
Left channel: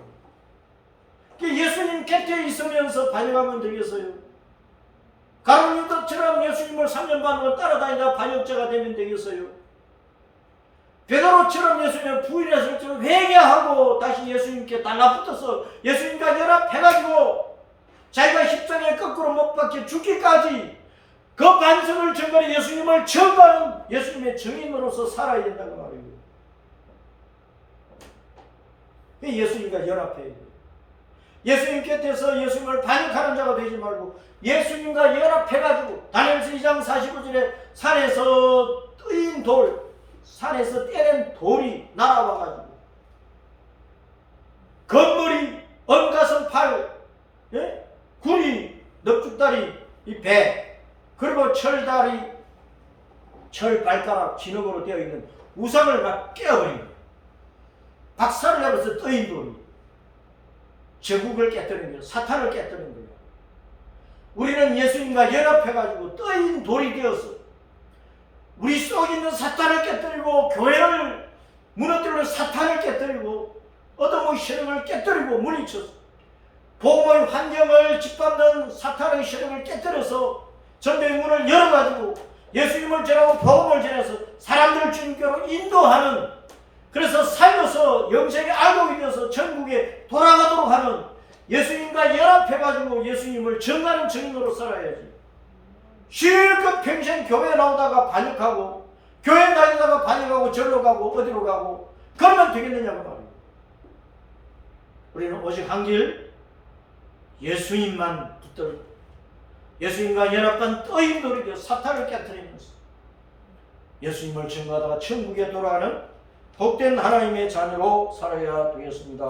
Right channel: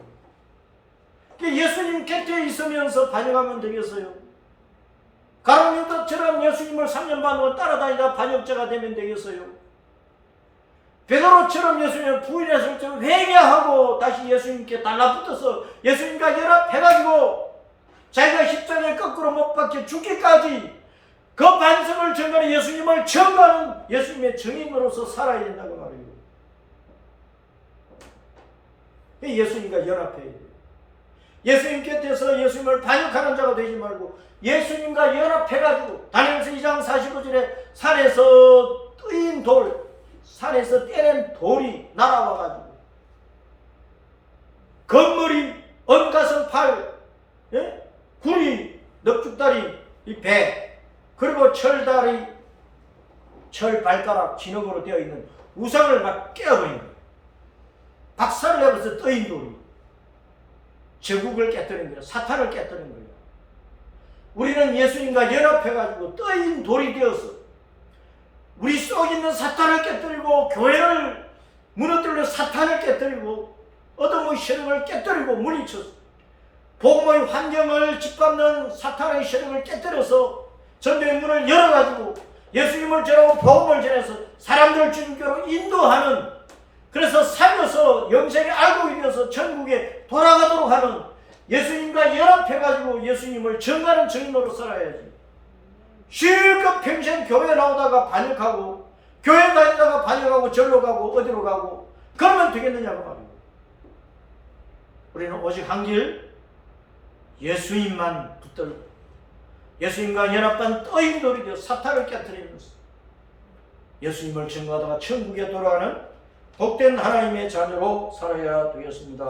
예수님 곁에 있으면서 반역하면 되겠어요? 가룟유다처럼 예수님을 3년 반 동안 따라다니다 반역자가 되면 되겠어요? 베드로처럼 예수님을 부인했을 때 회개하고 다시 예수님께 달라붙어서 예수님과 연합해가지고 자기가 십자가에 거꾸로 못 박혀 죽기까지 그 반석을 증거하는 예수님을 증거하는 예수님의 증인으로서 살아야 된다고 말이에요. 예수님과 연합해야 돼요. 예수님 곁에서 예수님을 반역하는 자가 되지 말고 예수님과 연합해가지고 다니엘서 2장 45절에 산에서 뜨인 돌, 산에서 떼낸 돌이 날아와가지고 건물이, 언가성 팔, 구리, 넙죽다리, 이 배, 그리고 철다리, 철 발가락, 진흙으로 되어 있는 우상을 막 깨어버린 거예요. 박살을 내면서 떠인 돌이 제국을 깨뜨린 거예요. 사탄을 깨뜨린 거예요. 우리는 예수님과 연합해가지고 떠인 돌이 되어서 우리 속에 있는 사탄을 깨뜨리고 교회를 무너뜨리는 사탄을 깨뜨리고 어둠의 세력을 깨뜨리고 물리쳐서 복음의 환경을 짓밟는 사탄의 세력을 깨뜨려서 전도의 문을 열어가지고 예수님을 전하고 복음을 전해서 사람들을 주님께로 인도하는, 그래서 살려서 영생에 알고 이어서 천국에 돌아가도록 하는, 예수님과 연합해가지고 예수님을 증거하는 증인으로 살아야지. 실컷 평생 교회 나오다가 반역하고 교회 다니다가 반역하고 절로 가고 어디로 가고 그러면 되겠느냐고 말이에요. 우리는 오직 한 길, 예수님만 붙들고 예수님과 연합한 떠인 돌이 되어 사탄을 깨뜨리면서 예수님을 증거하다가 천국에 돌아가는 복된 하나님의 자녀로 살아야 되겠습니다.